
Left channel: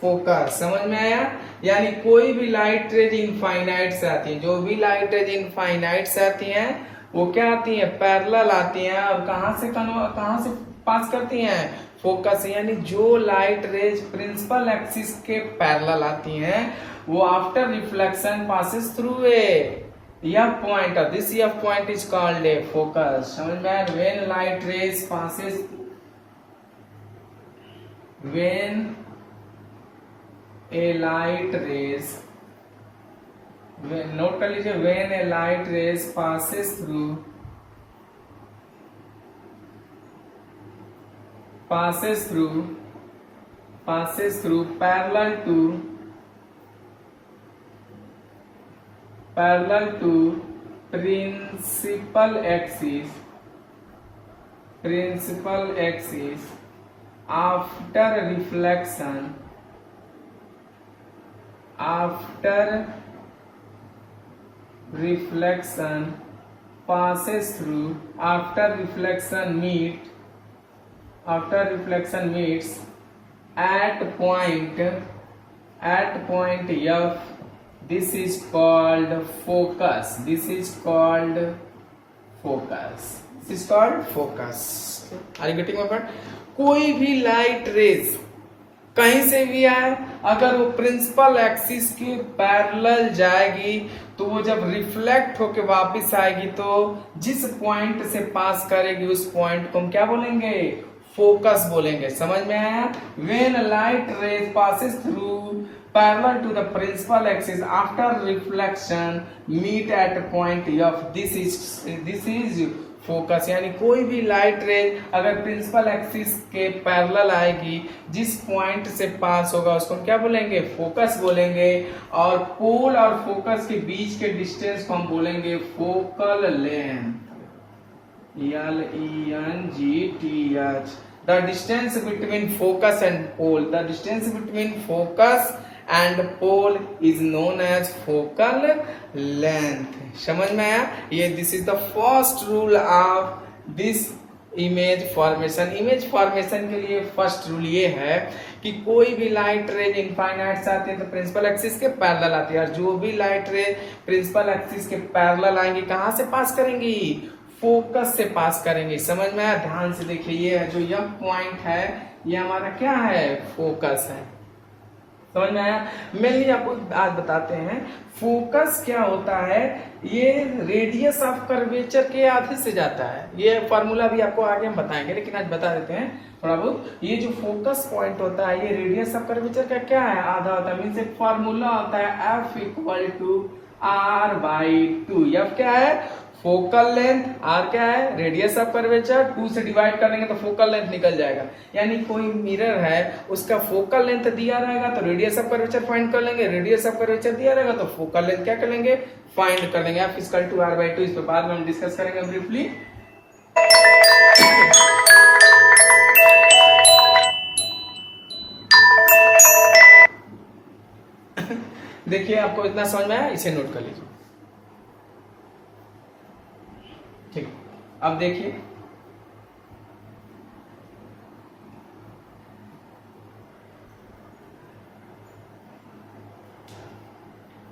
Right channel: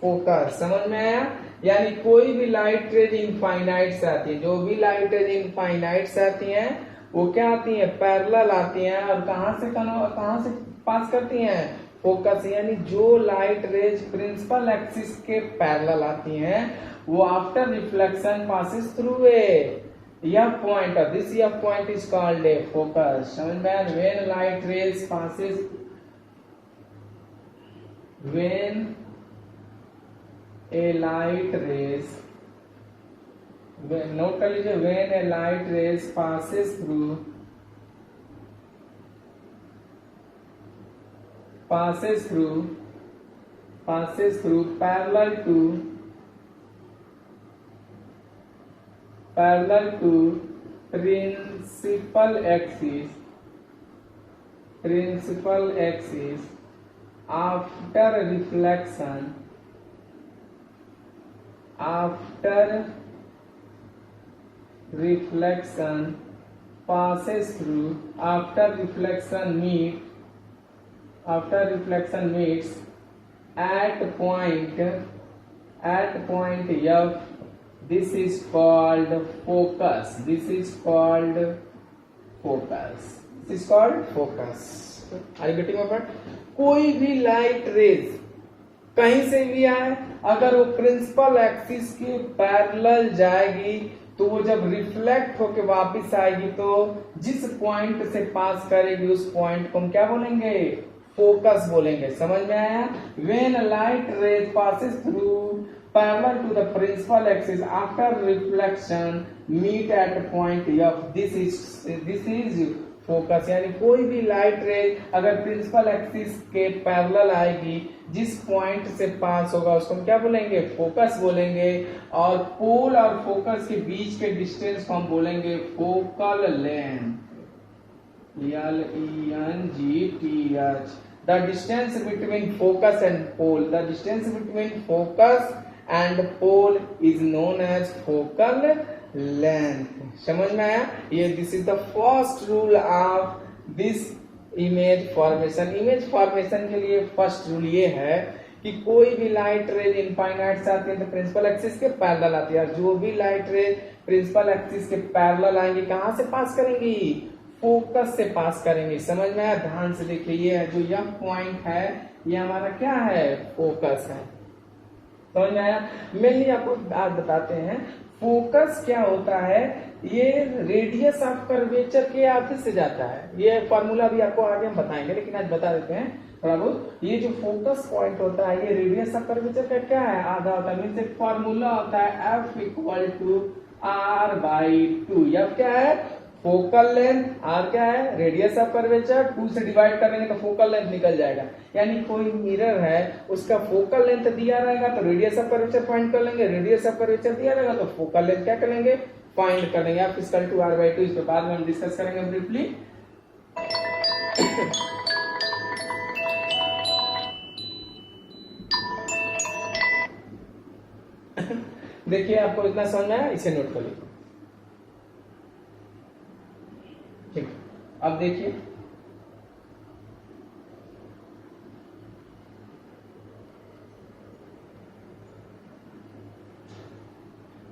फोकस। समझ में आया? यानी कोई भी लाइट रेज इनफाइनाइट से आती है, जो भी लाइट रेज इनफाइनाइट से आती है वो क्या आती है, पैरेलल आती हैं। और कहां से पास करती हैं, फोकस। यानी जो लाइट रेज प्रिंसिपल एक्सिस के पैरेलल आती हैं वो after reflection passes through a point, this point is called A focus. समझ में? When light rays passes, when A light rays, note कर लीजिए, when A light rays passes through parallel to principal axis after reflection passes through, after reflection meets at point F, this is called focus. This is called focus. Are you getting my point? कोई भी light raise कहीं से भी आए, अगर वो principal axis के parallel जाएगी तो वो जब रिफ्लेक्ट होके वापस आएगी तो जिस पॉइंट से पास करेगी उस पॉइंट को हम क्या बोलेंगे, फोकस बोलेंगे। समझ में आया? When light rays passes through parallel to the principal axis after reflection meet at point F, this is focus. यानी कोई भी लाइट रे अगर प्रिंसिपल एक्सिस के पैरेलल आएगी, जिस पॉइंट से पास होगा उसको हम क्या बोलेंगे, फोकस बोलेंगे। और पोल और फोकस के बीच के डिस्टेंस को हम बोलेंगे focal length, LENGTH। The distance between focus and pole, the distance between focus and pole is known as focal length। समझ में आया? ये this is the first rule of this image formation. Image formation के लिए first rule ये है कि कोई भी लाइट रेज इनफाइनाइट से आती है तो प्रिंसिपल एक्सिस के पैरेलल आती है, और जो भी लाइट रेज प्रिंसिपल एक्सिस के पैरेलल आएंगी कहां से पास करेंगी, फोकस से पास करेंगे। समझ में आया? ध्यान से देखिए, ये है जो यह पॉइंट है ये हमारा क्या है, फोकस है। समझ में आया? मेनली आपको आज बताते हैं फोकस क्या होता है। ये रेडियस ऑफ कर्वेचर के आधे से जाता है, ये फॉर्मूला भी आपको आगे हम बताएंगे लेकिन आज बता देते हैं थोड़ा बहुत। ये जो फोकस पॉइंट होता है ये रेडियस ऑफ कर्वेचर का क्या है, आधा होता है। मीन्स एक फॉर्मूला होता है F = R/2। F क्या है, फोकल लेंथ, R क्या है, रेडियस ऑफ कर्वेचर, 2 से डिवाइड कर देंगे तो फोकल लेंथ निकल जाएगा। यानी कोई मिरर है उसका फोकल लेंथ दिया रहेगा तो रेडियस ऑफ कर्वेचर फाइंड कर लेंगे, रेडियस ऑफ कर्वेचर दिया रहेगा तो फोकल लेंथ क्या कर लेंगे, फाइंड कर लेंगे। F = R/2। इस पर बाद में हम डिस्कस करेंगे ब्रीफली। देखिए आपको इतना समझ में आया, इसे नोट कर लीजिए। ठीक, अब देखिए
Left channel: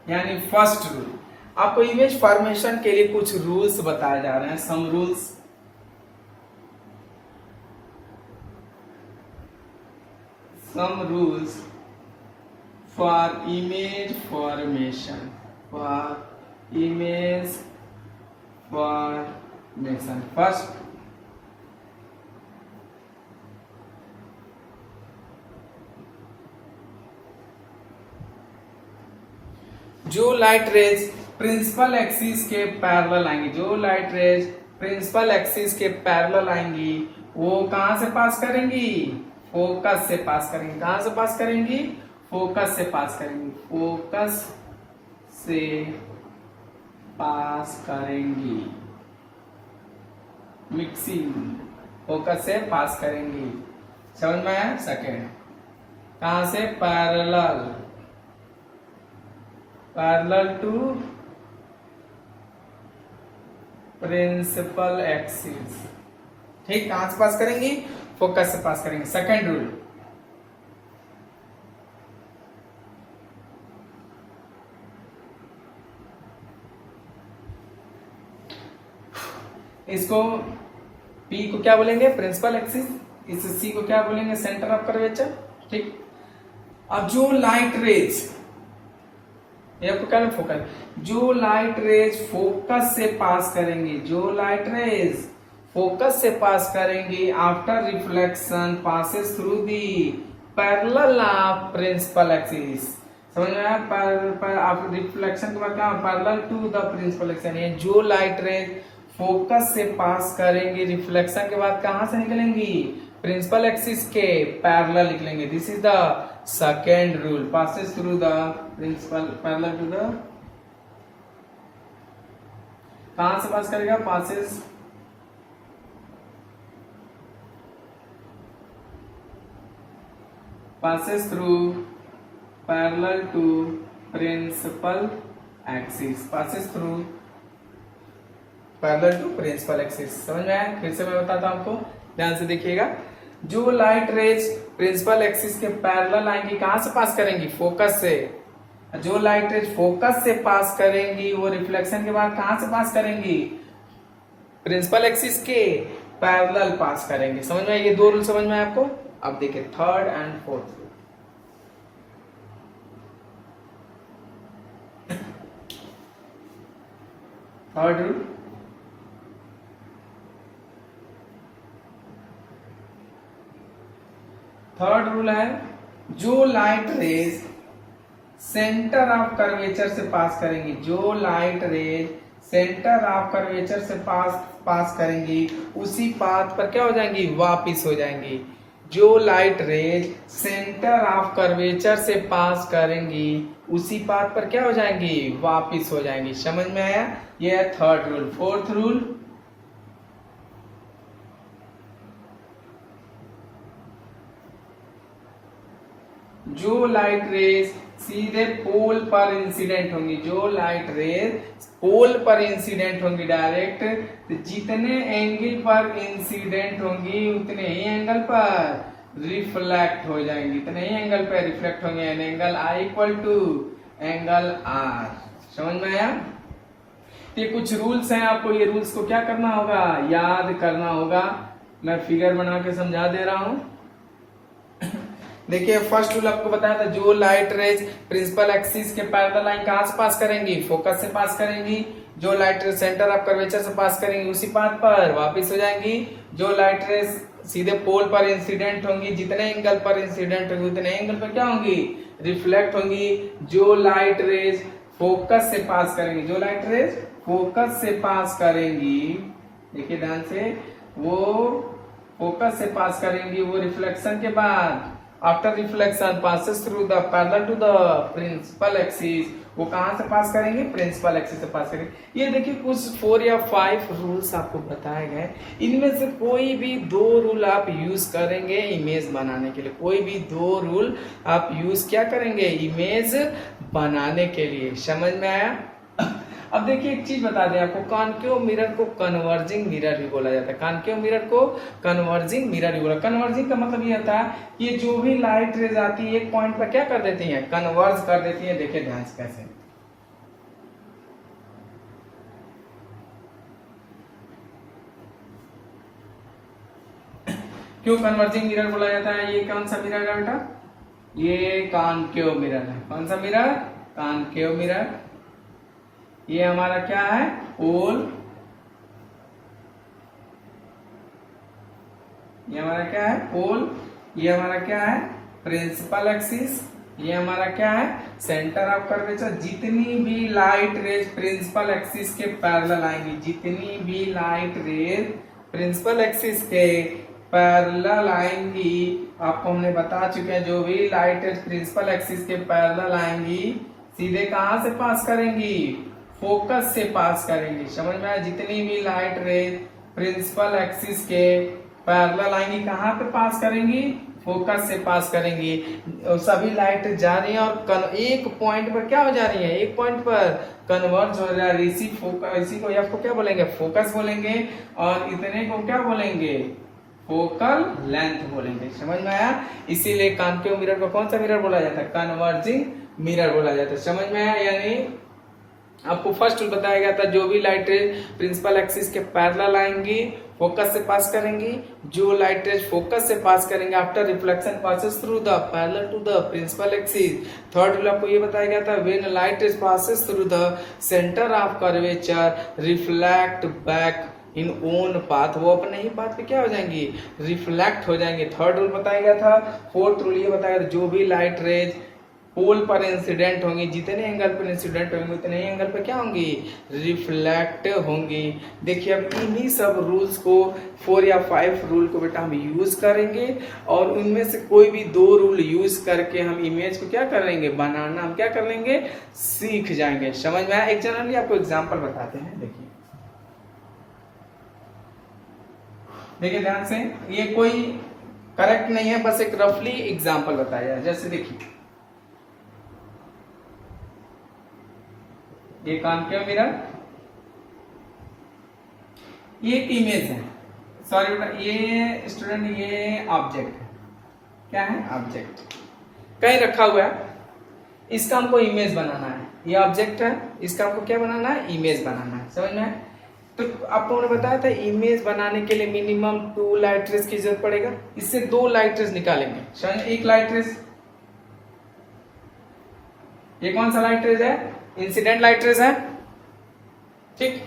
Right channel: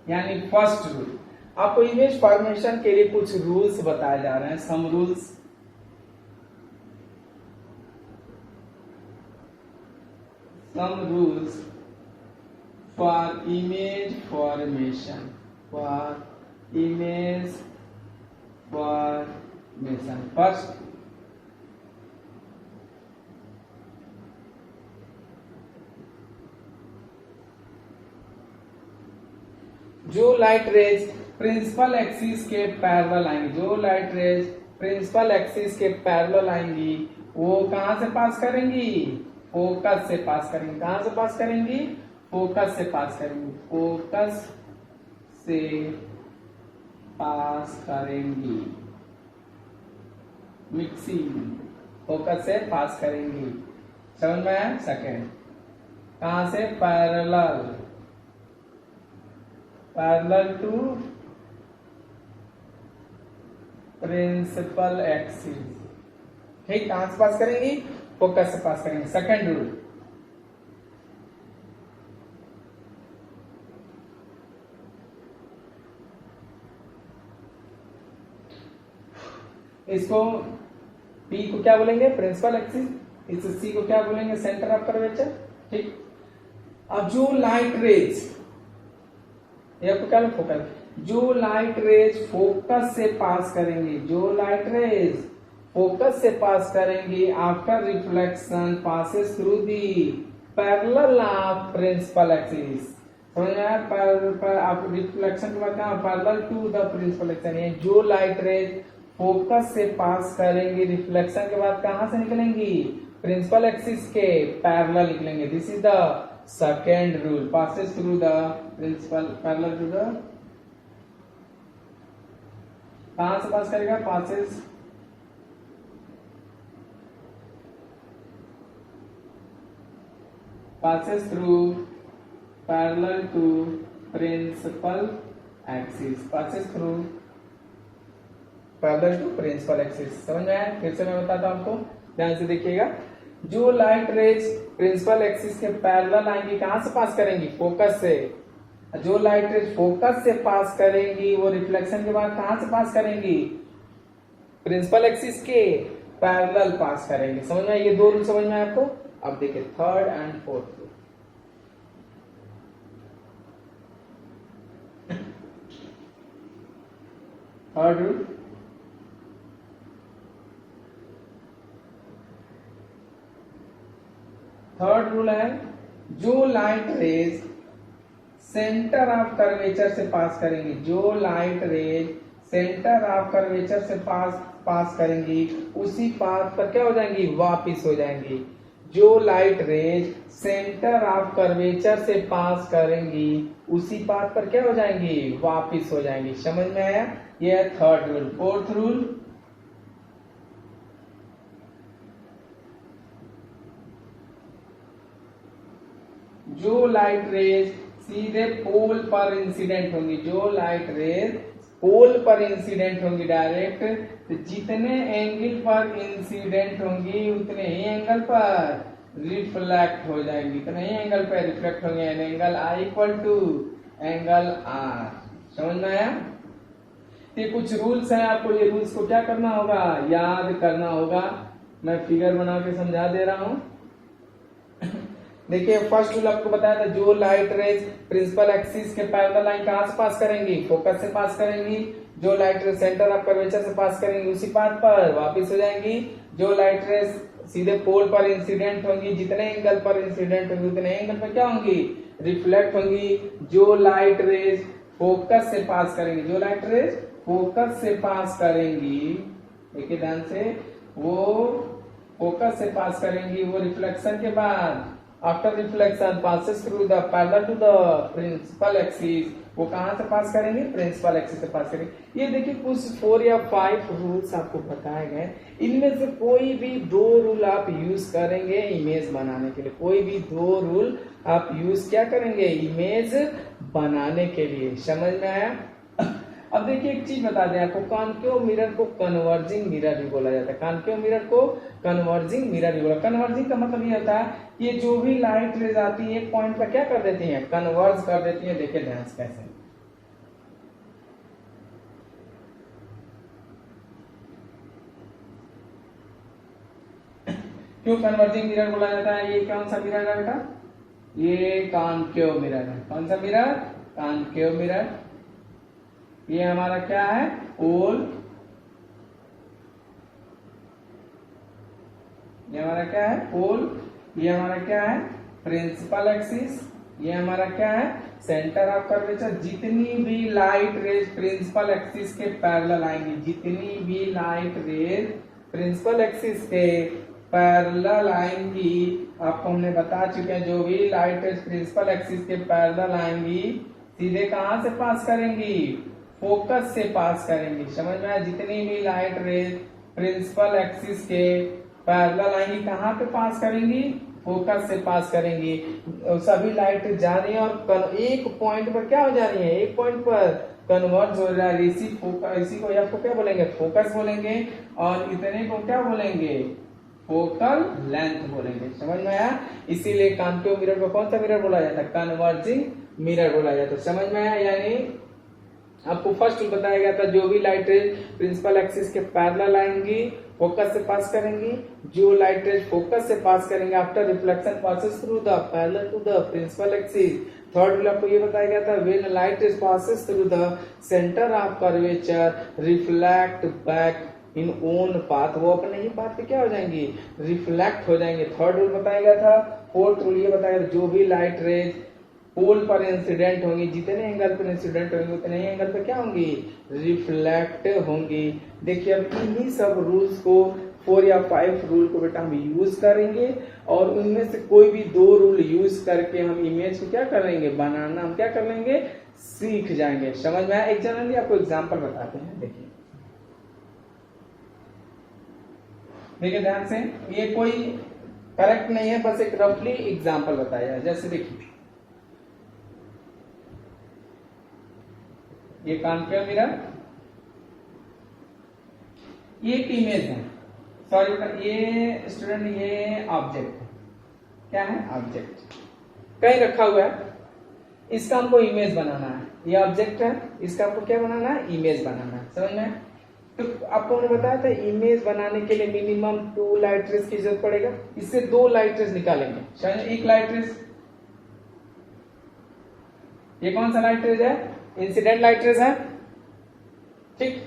यानी फर्स्ट रूल, आपको इमेज फॉर्मेशन के लिए कुछ रूल्स बताए जा रहे हैं, some rules. Some rules for image formation, for image formation. First, जो लाइट रेज प्रिंसिपल एक्सिस के पैरेलल आएंगी, जो लाइट रेज प्रिंसिपल एक्सिस के पैरेलल आएंगी, वो कहां से पास करेंगी? फोकस से पास करेंगी। कहां से पास करेंगी? फोकस से पास करेंगी। फोकस से पास करेंगी, मिक्सिंग, फोकस से पास करेंगी। समझ में आया? सेकेंड, कहां से? Parallel, parallel to principal axis. ठीक, कहां से पास करेंगी? फोकस से पास करेंगे। सेकंड रूल, इसको P को क्या बोलेंगे? Principal axis. इस C को क्या बोलेंगे? Centre of curvature. ठीक, अब जो लाइट रेज, ये आपको क्या फोकस, जो लाइट रेज फोकस से पास करेंगी, जो लाइट रेज फोकस से पास करेंगी, after reflection passes through the parallel of principal axis. समझ में आया? आफ्टर रिफ्लेक्शन के बाद क्या? Parallel to the principal axis. जो लाइट रेज फोकस से पास करेंगी, रिफ्लेक्शन के बाद कहां से निकलेंगी? प्रिंसिपल एक्सिस के पैरेलल निकलेंगे। This is the second rule, passes through the principal parallel to the, कहां से पास करेगा? Passes passes through parallel to principal axis, passes through parallel to principal axis। समझ में आया? फिर से मैं बताता हूं आपको, ध्यान से देखिएगा। जो लाइट रेज प्रिंसिपल एक्सिस के पैरेलल आएंगी, कहां से पास करेंगी? फोकस से। जो लाइट रेज फोकस से पास करेंगी, वो रिफ्लेक्शन के बाद कहां से पास करेंगी? प्रिंसिपल एक्सिस के पैरेलल पास करेंगे। समझ में? ये दो रूल समझ में आया आपको? अब देखिए third and fourth rule. Third rule, third rule है, जो light raise centre of curvature से पास करेंगी, जो light raise centre of curvature से पास करेंगी, उसी पाथ पर क्या हो जाएंगी? वापिस हो जाएंगी। जो light raise centre of curvature से पास करेंगी, उसी पाथ पर क्या हो जाएंगी? वापिस हो जाएंगी। समझ में आया? यह है थर्ड रूल। फोर्थ रूल, जो लाइट रेज सीधे पोल पर इंसिडेंट होंगी, जो लाइट रेज पोल पर इंसिडेंट होंगी डायरेक्ट, तो जितने एंगल पर इंसिडेंट होंगी उतने ही एंगल पर रिफ्लेक्ट हो जाएंगी, इतने ही एंगल पर रिफ्लेक्ट होंगे। Angle I equal to angle R। समझ में आया? ये कुछ रूल्स हैं, आपको ये रूल्स को क्या करना होगा? याद करना होगा। मैं फिगर बना के समझा दे रहा हूं। देखिए फर्स्ट रूल आपको बताया था, जो लाइट रेज प्रिंसिपल एक्सिस के पैरेलल लाइन कहां से पास करेंगी? फोकस से पास करेंगी। जो light raise centre of curvature से पास करेंगी, उसी पाथ पर वापस हो जाएंगी। जो लाइट रेज सीधे पोल पर इंसिडेंट होंगी, जितने एंगल पर इंसिडेंट होंगी उतने एंगल पर क्या होंगी? रिफ्लेक्ट होंगी। जो लाइट रेज फोकस से पास करेंगी, जो लाइट रेज फोकस से पास करेंगी, देखिए ध्यान से, वो फोकस से पास करेंगी, वो रिफ्लेक्शन के बाद after reflection passes through the parallel to the principal axis, वो कहां से पास करेंगे? प्रिंसिपल एक्सिस से पास करेंगे। ये देखिए कुछ 4 या 5 रूल्स आपको बताए गए। इनमें से कोई भी 2 रूल आप यूज करेंगे इमेज बनाने के लिए, कोई भी 2 रूल आप यूज क्या करेंगे? इमेज बनाने के लिए। समझ में आया? अब देखिए एक चीज बता दें आपको, कॉन्केव मिरर को कन्वर्जिंग मिरर भी बोला जाता है। कॉन्केव मिरर को कन्वर्जिंग मिरर भी बोला। कन्वर्जिंग का मतलब ये होता है कि जो भी लाइट रेज आती है एक पॉइंट पर क्या कर देती है? कन्वर्ज कर देती है। देखिए ध्यान से कैसे, क्यों कन्वर्जिंग मिरर बोला जाता है? ये कौन सा मिरर है बेटा? ये कॉनकेव मिरर है। कौन सा मिरर? Concave mirror. ये हमारा क्या है? पोल। ये हमारा क्या है? पोल। ये हमारा क्या है? Principal axis. ये हमारा क्या है? Centre of curvature. जितनी भी लाइट रेज प्रिंसिपल एक्सिस के पैरेलल आएंगी, जितनी भी लाइट रेज प्रिंसिपल एक्सिस के पैरेलल आएंगी, आपको हमने बता चुके हैं, जो भी लाइट रेज प्रिंसिपल एक्सिस के पैरेलल आएंगी सीधे कहां से पास करेंगी? फोकस से पास करेंगी। समझ में आया? जितनी भी लाइट रेज प्रिंसिपल एक्सिस के पैरेलल आएंगी कहां पे पास करेंगी? फोकस से पास करेंगी। सभी लाइट जा रही है और एक पॉइंट पर क्या हो जा रही है? एक पॉइंट पर कन्वर्ज हो रहा है। इसी को एफ को क्या बोलेंगे? फोकस बोलेंगे। और इतने को क्या बोलेंगे? फोकल लेंथ बोलेंगे। समझ में आया? इसीलिए कॉनकेव मिरर को कौन सा मिरर बोला जाता है? कन्वर्जिंग मिरर बोला जाता है। समझ में आया? यानी आपको फर्स्ट बताया गया था, जो भी लाइट रेज प्रिंसिपल एक्सिस के पैरेलल आएंगी फोकस से पास करेंगी। जो लाइट रेज फोकस से पास करेंगे after reflection passes through the parallel to the principal axis. Third rule आपको ये बताया गया था, when light rays passes through the centre of curvature reflect back in own path, वो अपने ही पाथ पे क्या हो जाएंगी? रिफ्लेक्ट हो जाएंगे। थर्ड रूल बताया गया था। फोर्थ रूल ये बताया गया था, जो भी लाइट रेज पोल पर इंसिडेंट होंगी, जितने एंगल पर इंसिडेंट होंगी उतने ही एंगल पे क्या होंगी? रिफ्लेक्ट होंगी। देखिए अब इन्हीं सब रूल्स को 4 या 5 रूल को बेटा हम यूज करेंगे और उनमें से कोई भी 2 रूल यूज करके हम इमेज को क्या करेंगे? बनाना हम क्या कर लेंगे? सीख जाएंगे। समझ में आया? एक जनरली आपको एग्जाम्पल बताते हैं। देखिए देखिए ध्यान से, ये कोई करेक्ट नहीं है, बस एक रफली एग्जाम्पल बताया। जैसे देखिए ये कॉनकेव मिरर, ये एक इमेज है, सॉरी बेटा ये स्टूडेंट ये ऑब्जेक्ट है। क्या है? ऑब्जेक्ट कहीं रखा हुआ है, इसका हमको इमेज बनाना है। ये ऑब्जेक्ट है, इसका हमको क्या बनाना है? इमेज बनाना है। समझ में? तो आपको मैंने बताया था इमेज बनाने के लिए मिनिमम 2 लाइट रेज की जरूरत पड़ेगा। इससे 2 लाइट रेज निकालेंगे। समझ? एक लाइट रेज, ये कौन सा लाइट रेज है? इंसिडेंट लाइट रेज है। ठीक,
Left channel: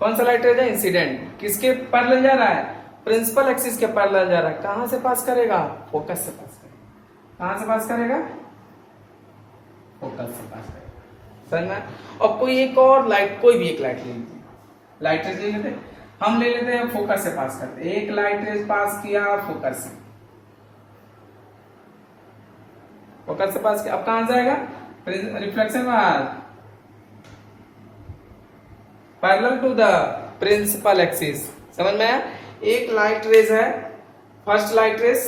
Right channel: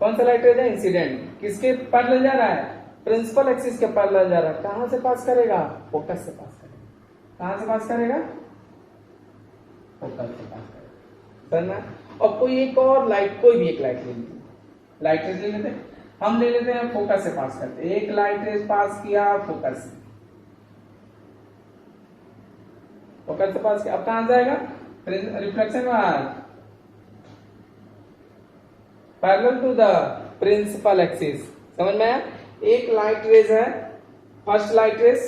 कौन सा लाइट रेज है? इंसिडेंट। किसके पैरेलल जा रहा है? प्रिंसिपल एक्सिस के पैरेलल जा रहा है। कहां से पास करेगा? फोकस से पास करेगा। कहां से पास करेगा? फोकस से पास करेगा। समझना? और कोई एक और लाइट, कोई भी एक लाइट ले लीजिए, लाइट रेज ले लेते हैं, हम ले लेते हैं फोकस से पास करते हैं। एक लाइट रेज पास किया फोकस से, फोकस से पास किया, अब कहां जाएगा? रिफ्लेक्शन बाद parallel to the principal axis. समझ में आया? एक लाइट रेज है, first light rays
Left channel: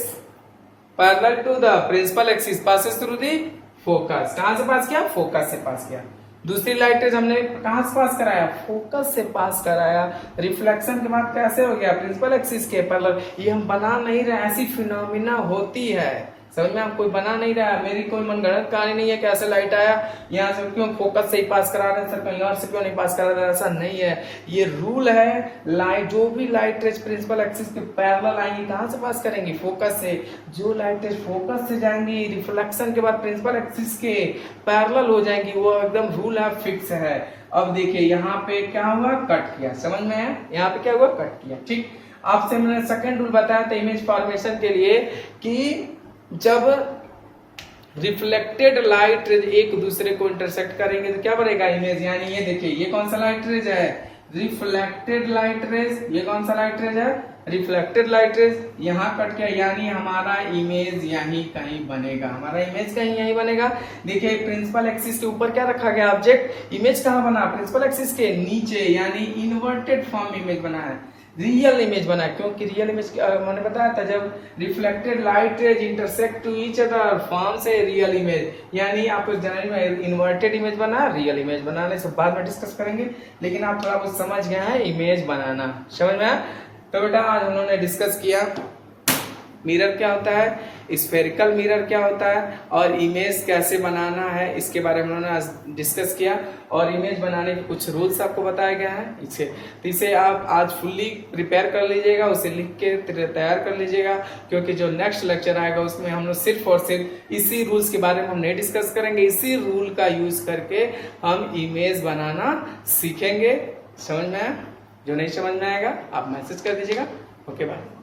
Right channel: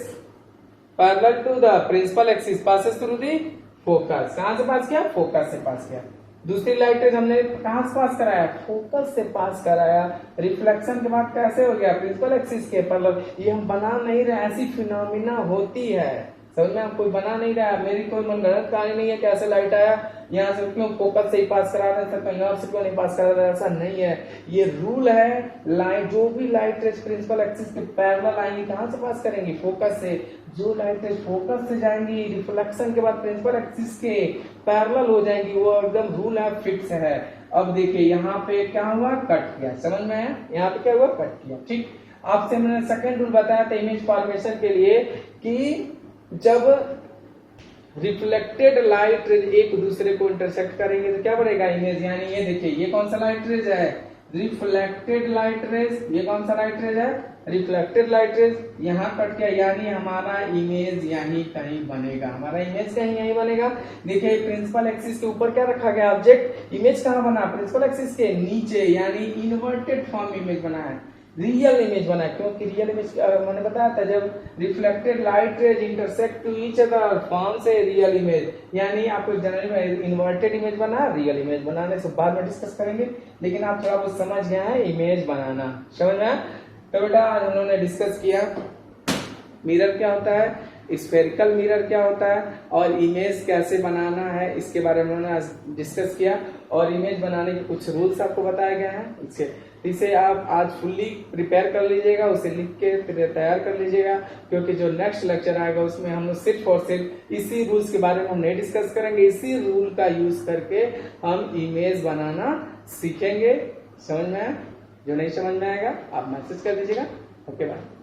parallel to the principal axis passes through the focus. कहां से पास किया? फोकस से पास किया। दूसरी लाइट रेज हमने कहां से पास कराया? फोकस से पास कराया। रिफ्लेक्शन के बाद कैसे हो गया? प्रिंसिपल एक्सिस के पैरेलल। ये हम बना नहीं रहे, ऐसी फिनोमिना होती है। समझ में? आप कोई बना नहीं रहा है, मेरी कोई मनगढ़ंत कहानी नहीं है कैसे लाइट आया, यहाँ से क्यों फोकस से ही पास करा रहे हैं सर, कहीं और से क्यों नहीं पास करा रहे हैं, ऐसा नहीं है। ये रूल है, लाइट जो भी लाइट रेज प्रिंसिपल एक्सिस के पैरेलल आएंगी कहां से पास करेंगी? फोकस से। जो लाइट रेज फोकस से जाएंगी रिफ्लेक्शन के बाद प्रिंसिपल एक्सिस के पैरेलल हो जाएंगी, वो एकदम रूल है, फिक्स है। अब देखिए यहाँ पे क्या हुआ? कट किया। समझ में आया? यहाँ पे क्या हुआ? कट किया। ठीक, आपसे मैंने सेकेंड रूल बताया था इमेज फॉर्मेशन के लिए कि जब रिफ्लेक्टेड लाइट रेज एक दूसरे को इंटरसेक्ट करेंगे तो क्या बनेगा? इमेज। यानी ये देखिए ये कौन सा लाइट रेज है? Reflected light raise. ये कौन सा लाइट रेज है? Reflected light raise. यहाँ कट किया यानी हमारा इमेज यहीं कहीं बनेगा। हमारा इमेज कहीं यहीं बनेगा। देखिए प्रिंसिपल एक्सिस के ऊपर क्या रखा गया? ऑब्जेक्ट। इमेज कहाँ बना? प्रिंसिपल एक्सिस के नीचे, यानी इन्वर्टेड फॉर्म इमेज बना है, रियल इमेज बना है। क्योंकि रियल इमेज मैंने बताया था जब reflected light rays intersect to each other form से रियल इमेज, यानी आपको जनरल में इन्वर्टेड इमेज बना, रियल इमेज बनाने से बाद में डिस्कस करेंगे, लेकिन आप थोड़ा कुछ समझ गए हैं इमेज बनाना। समझ में? तो बेटा आज उन्होंने डिस्कस किया मिरर क्या होता है, स्फेरिकल मिरर क्या होता है और इमेज कैसे बनाना है इसके बारे में उन्होंने आज डिस्कस किया और इमेज बनाने के कुछ रूल्स आपको बताए गए हैं। इसे आप आज फुल्ली प्रिपेयर कर लीजिएगा, उसे लिख के तैयार कर लीजिएगा, क्योंकि जो नेक्स्ट लेक्चर आएगा उसमें हम लोग सिर्फ और सिर्फ इसी रूल्स के बारे में हम नहीं डिस्कस करेंगे, इसी रूल का यूज करके हम इमेज बनाना सीखेंगे। समझ में आया? जो नहीं समझ में आएगा आप मैसेज कर दीजिएगा। Okay bye.